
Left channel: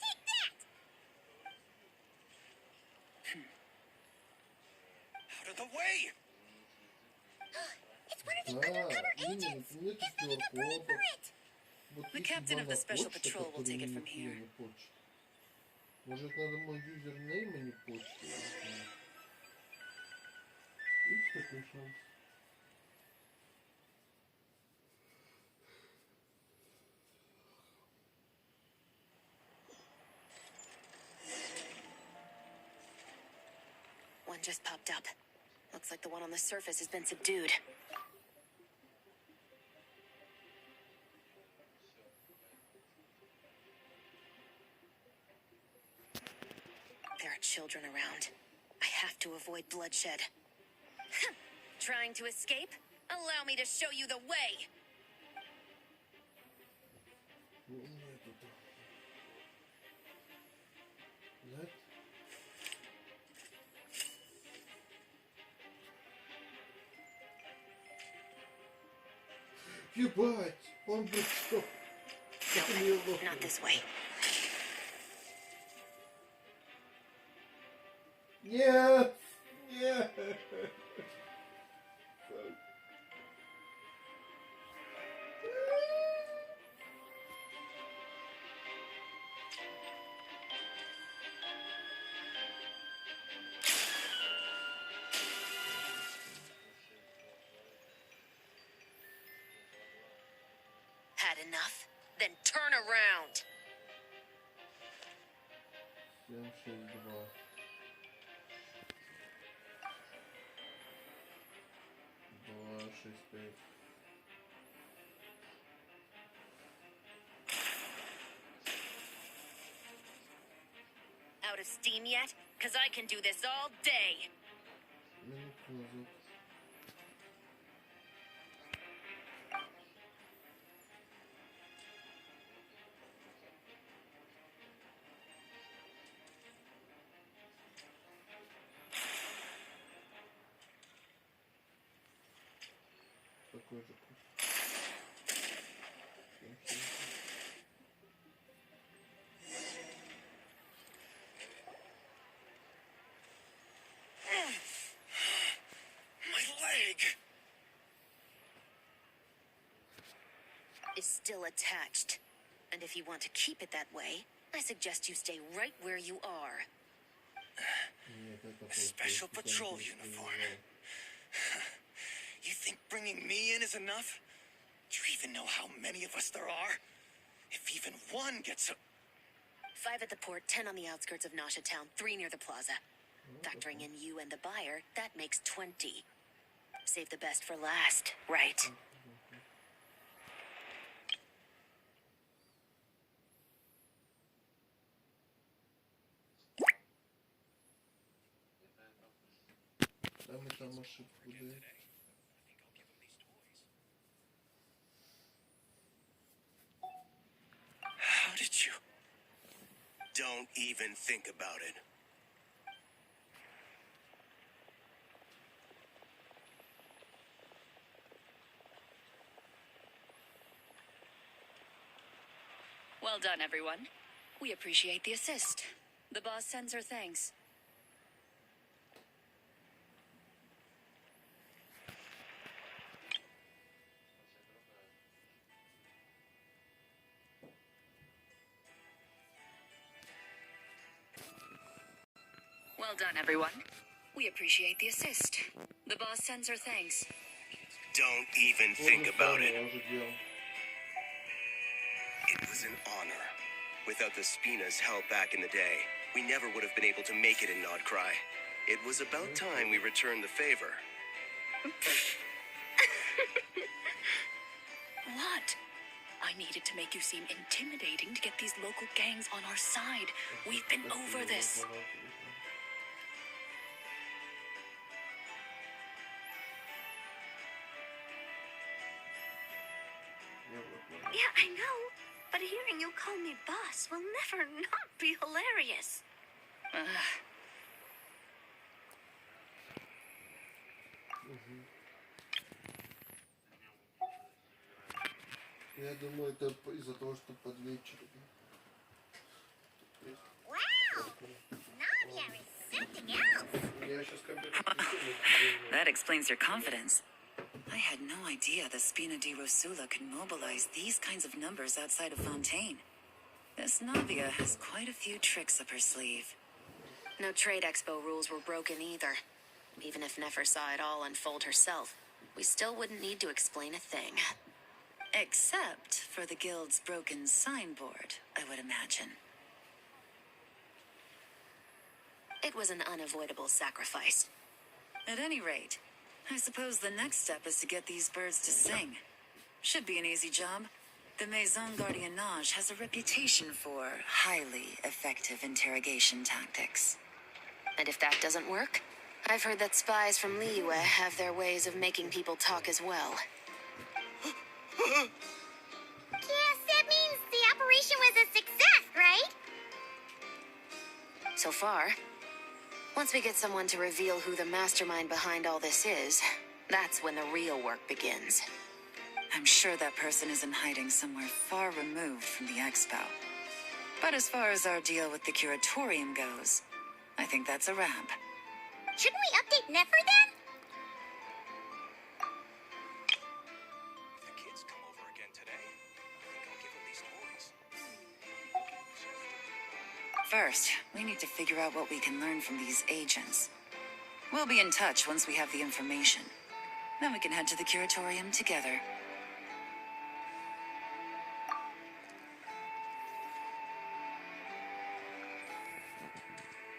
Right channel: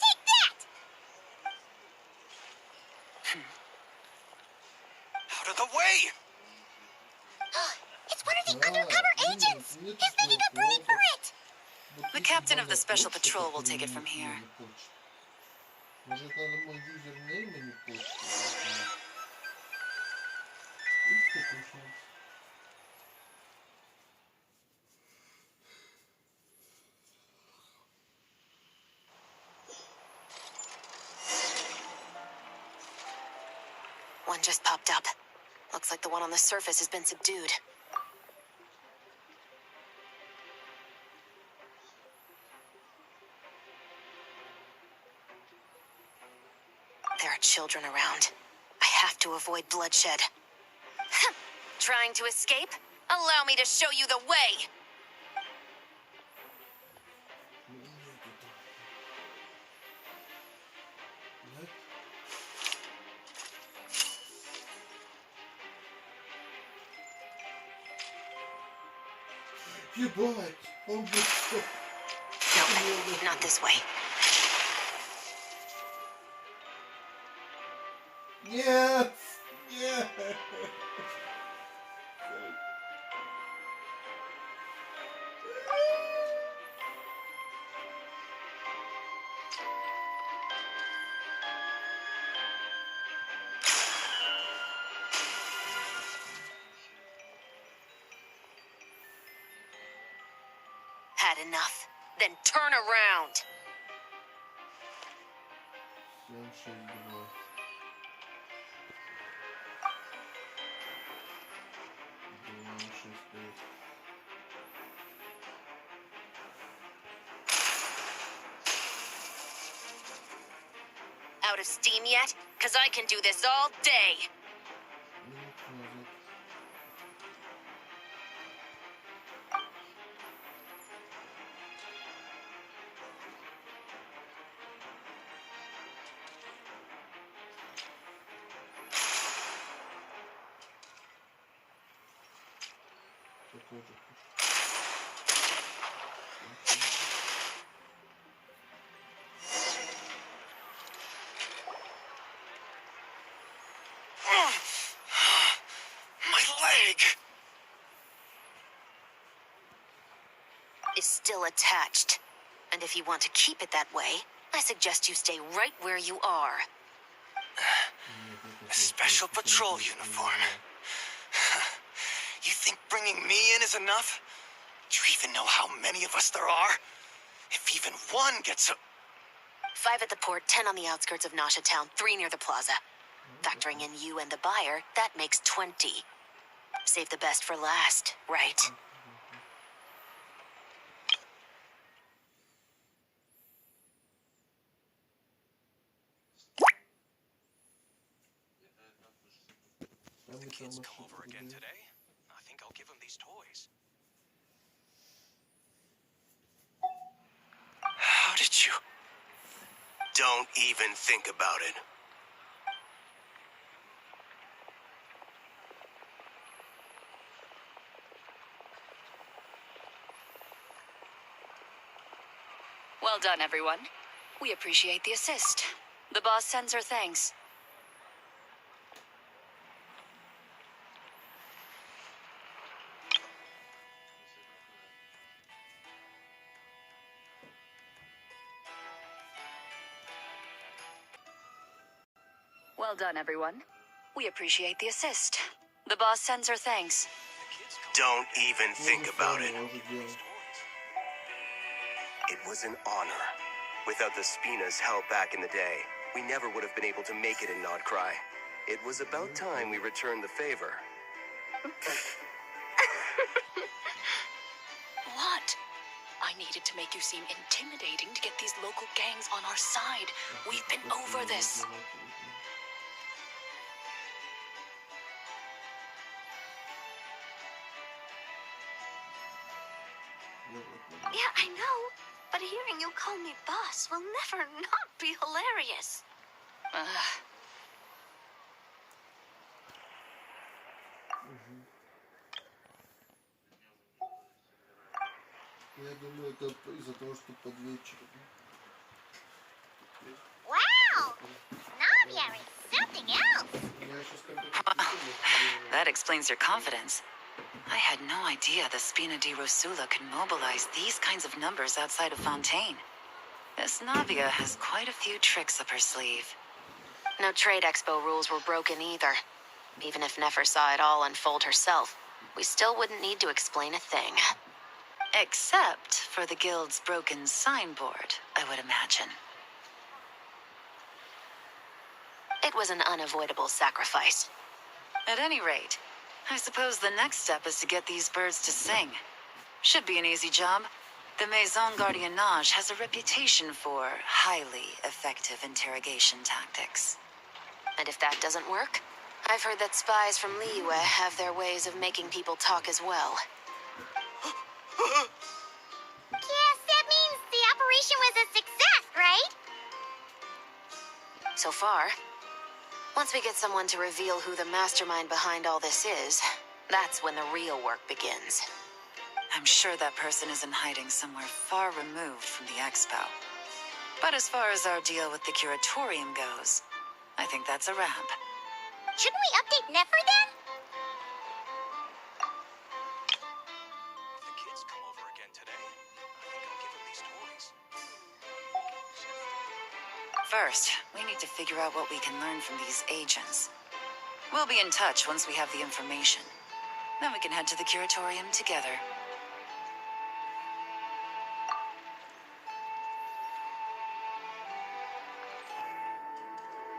Take that! Out of the way! It's one of the undercover agents! He's making a break for it! The captain of the special patrol will take it from here. Может, надо мой юзернейм, а не почту? Видишь, какой шум? One just popped up. Looks like the one on the surface has been subdued. There are children around. I have to avoid bloodshed. Trying to escape? Allow me to show you the way! Нет? Ебать! Он бы что? No, not this way. Нет! Нет! Had enough? Then turn around! 762. Два, шесть, пять. Out of steam yet? Cause I can do this all day! Минуту назад. Такой же пуш. My leg! Is still attached. And if you want to keep it that way, I suggest you stay right where you are. A special patrol uniform. You think bringing me in is enough? Do you even know how many of us there are? If even one gets a... 5 at the port, 10 on the outskirts of Nasha Town, 3 near the plaza. Factoring in you and the buyer, that makes 20. Save the best for last, right? Там и там ошибку again делал. today? I think I'll give him these toys. How did you... Don't even think about it. Well done, everyone. We appreciate the assist. The boss sends her thanks. Well done, everyone. We appreciate the assist. The boss sends her thanks. Don't even think about it. Я уже делал. It was an honor. Without the Spinas' help back in the day, we never would have been able to make it in Nodcry. It was about time we returned the favor. What? I needed to make you seem intimidating to get these local gangs on our side. We've been over this. Yeah, I know. But hearing you call me boss will never not be hilarious. Я думаю, это из-за того, что под вечер. Wow! Navia is something else. Я сейчас как-то... That explains your confidence. I had no idea the Spina di Rosula could mobilize these kinds of numbers outside of Fontaine. This Navia has quite a few tricks up her sleeve. No trade expo rules were broken either. Even if Nefer saw it all unfold herself, we still wouldn't need to explain a thing. Except for the guild's broken signboard, I would imagine. It was an unavoidable sacrifice. At any rate, I suppose the next step is to get these birds to sing. Should be an easy job. The Maison Gardiennage has a reputation for highly effective interrogation tactics. And if that doesn't work, I've heard that spies from Liyue have their ways of making people talk as well. Yes, that means the operation was a success, right? So far. Once we get someone to reveal who the mastermind behind all this is, that's when the real work begins. I'm sure that person is in hiding somewhere far removed from the expo. But as far as our deal with the curatorium goes, I think that's a wrap. Shouldn't we update Nefer then? If the kids come over again today, I think I'll give them these toys. First, we need to figure out what we can learn from these agents. We'll be in touch once we have the information. Then we can head to the curatorium together.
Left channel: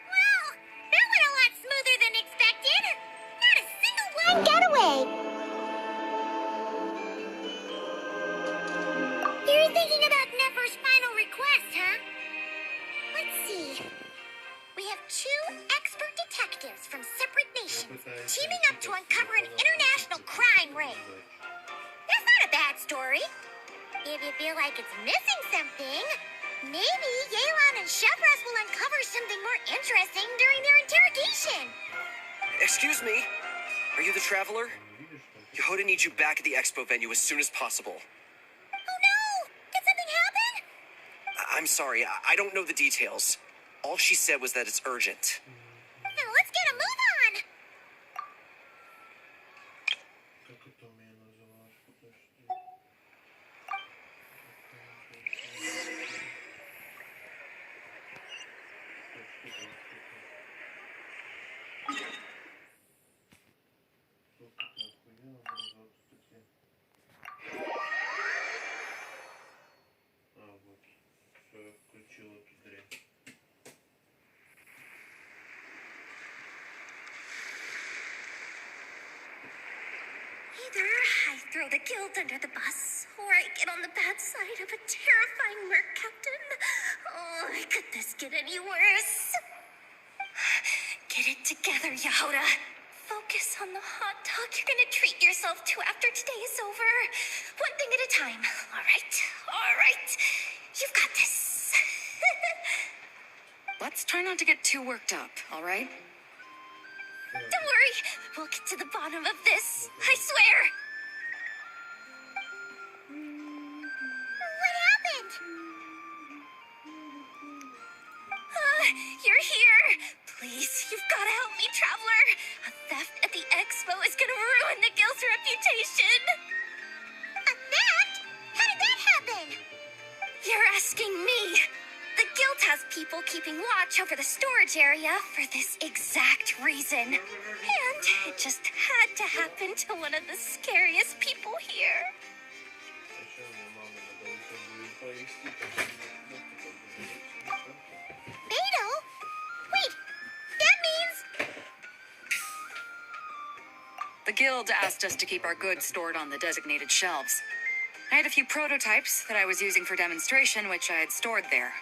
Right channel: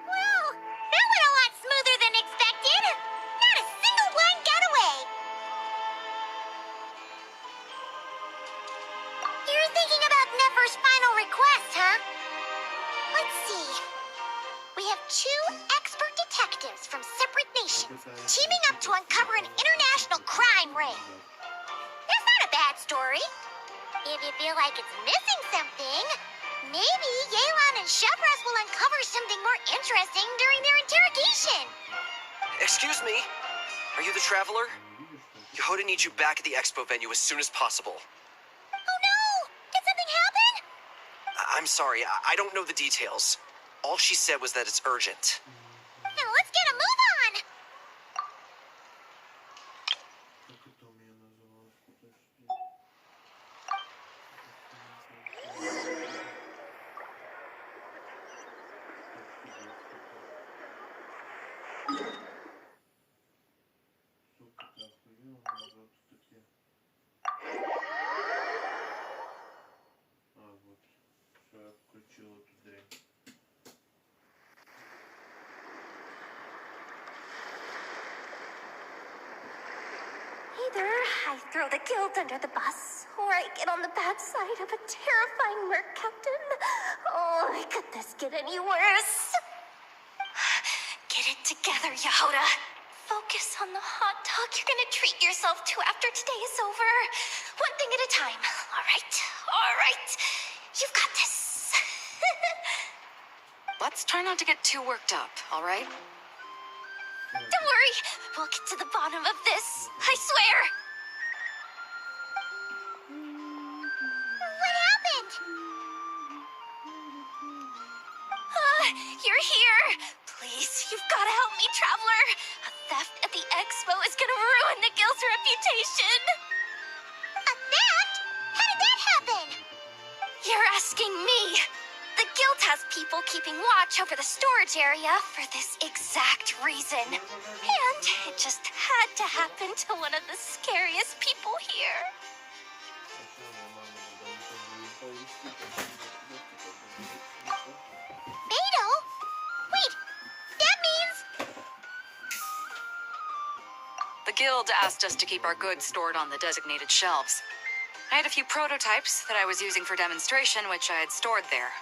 Well, that went a lot smoother than expected. Not a single blind getaway. You're thinking about Nefer's final request, huh? Let's see. We have 2 expert detectives from separate nations teaming up to uncover an international crime ring. That's not a bad story. If you feel like it's missing something, maybe Yelan and Chevros will uncover something more interesting during their interrogation. Excuse me? Are you the Traveler? Yehoda needs you back at the expo venue as soon as possible. Oh no! Did something happen? I'm sorry, I don't know the details. All she said was that it's urgent. Now let's get a move on! Как это у меня называлось? Подожди. Either I throw the guild under the bus, or I get on the bad side of a terrifying merc captain. Oh, could this get any worse? Get it together, Yehoda. Focus on the hot dog you're gonna treat yourself to after today is over. One thing at a time. All right? All right. You've got this. Let's try not to get too worked up, all right? Don't worry. We'll get to the bottom of this. I swear. What happened? You're here. Please, you've got to help me, Traveler. A theft at the expo is gonna ruin the guild's reputation. A theft? How did that happen? You're asking me. The guild has people keeping watch over the storage area for this exact reason. And it just had to happen to one of the scariest people here. Beto? Wait, that means... The guild asked us to keep our goods stored on the designated shelves. I had a few prototypes that I was using for demonstration, which I had stored there.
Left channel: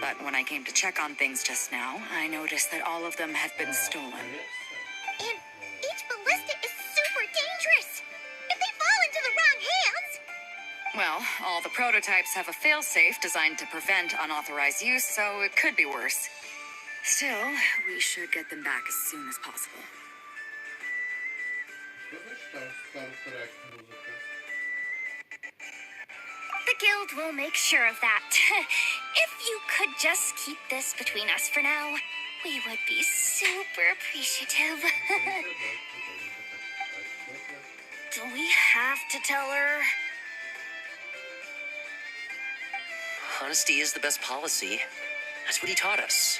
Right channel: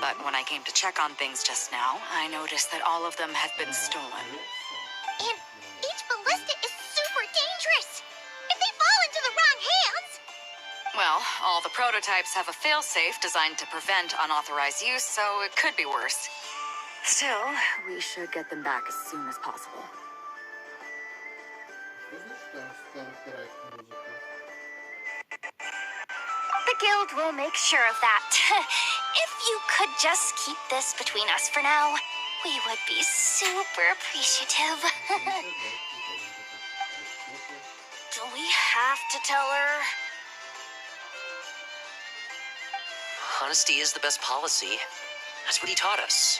But when I came to check on things just now, I noticed that all of them had been stolen. And each ballista is super dangerous. If they fall into the wrong hands... Well, all the prototypes have a failsafe designed to prevent unauthorized use, so it could be worse. Still, we should get them back as soon as possible. Трек музыка. The guild will make sure of that. If you could just keep this between us for now, we would be super appreciative. Do we have to tell her? Honesty is the best policy. That's what he taught us.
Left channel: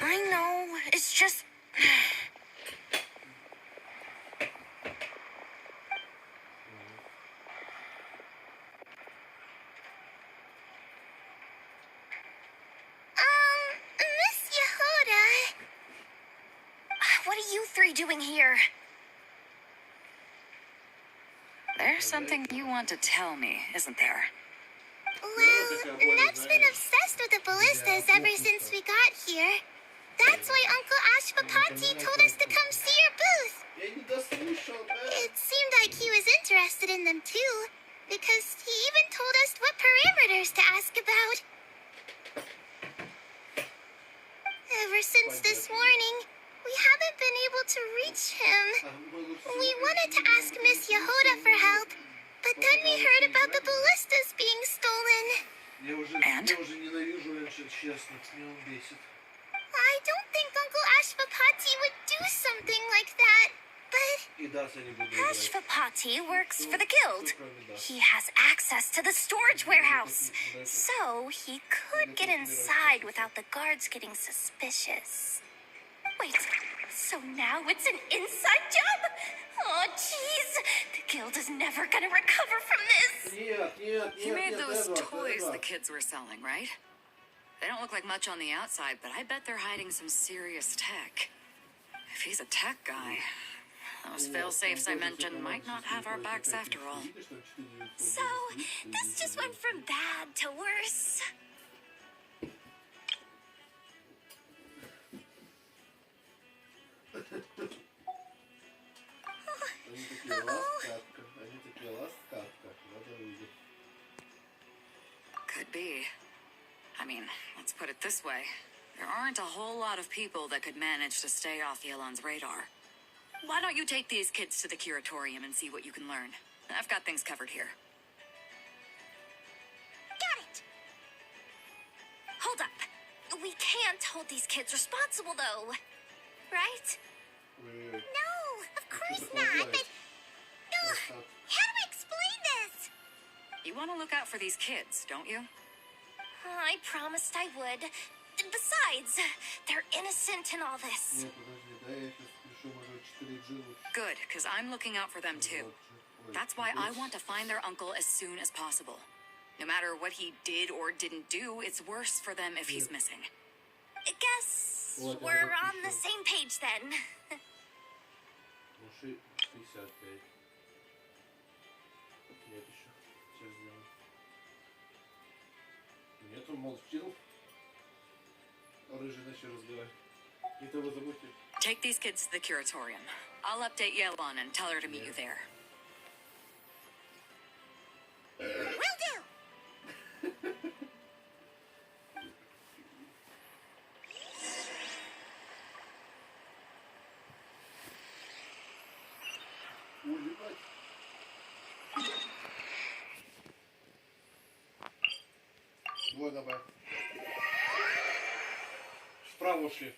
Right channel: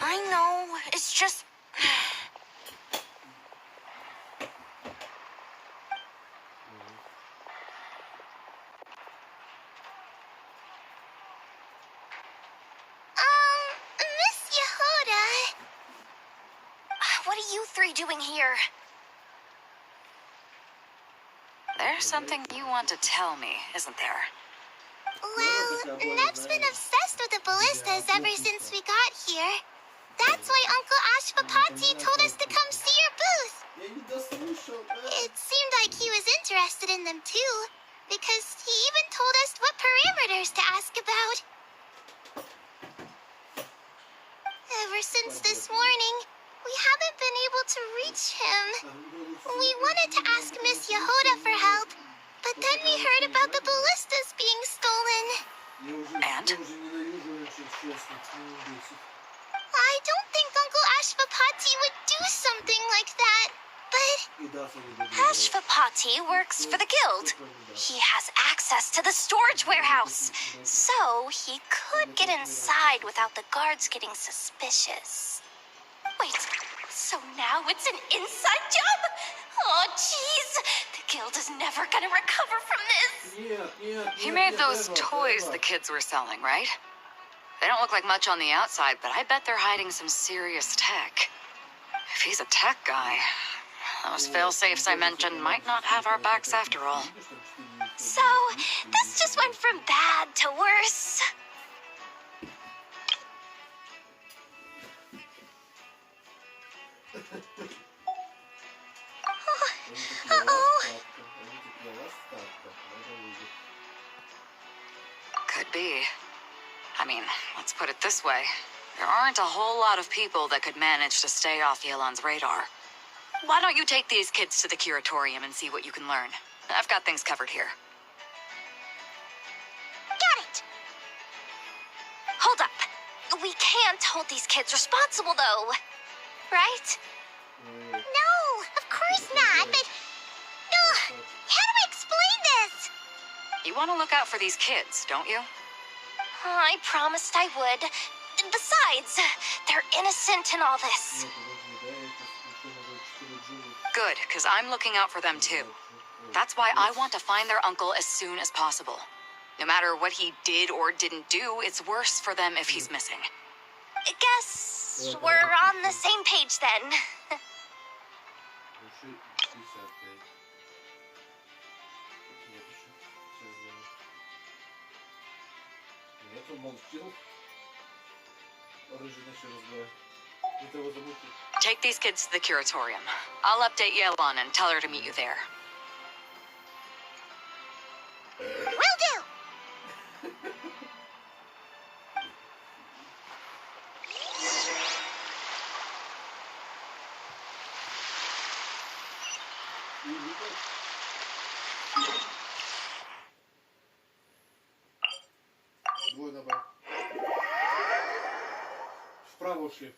I know, it's just... Miss Yehuda. What are you three doing here? There's something you want to tell me, isn't there? Well, Neb's been obsessed with the ballistas ever since we got here. That's why Uncle Ashvapati told us to come see your booth. It seemed like he was interested in them too, because he even told us what parameters to ask about. Ever since this morning, we haven't been able to reach him. We wanted to ask Miss Yehuda for help, but then we heard about the ballistas being stolen. And? I don't think Uncle Ashvapati would do something like that, but... Ashvapati works for the guild. He has access to the storage warehouse, so he could get inside without the guards getting suspicious. Wait, so now it's an inside job? Oh, jeez. The guild is never gonna recover from this. He made those toys the kids were selling, right? They don't look like much on the outside, but I bet they're hiding some serious tech. If he's a tech guy, those fail-safes I mentioned might not have our backs after all. So, this just went from bad to worse. Uh-oh. Could be. I mean, let's put it this way. There aren't a whole lot of people that could manage to stay off Yelan's radar. Why don't you take these kids to the curatorium and see what you can learn? I've got things covered here. Got it. Hold up. We can't hold these kids responsible, though. Right? No, of course not, but... Ugh, how do I explain this? You want to look out for these kids, don't you? I promised I would. Besides, they're innocent in all this. Good, because I'm looking out for them too. That's why I want to find their uncle as soon as possible. No matter what he did or didn't do, it's worse for them if he's missing. I guess we're on the same page then. Take these kids to the curatorium. I'll update Yelan and tell her to meet you there. Will do. Było, dobra. W prawo szli.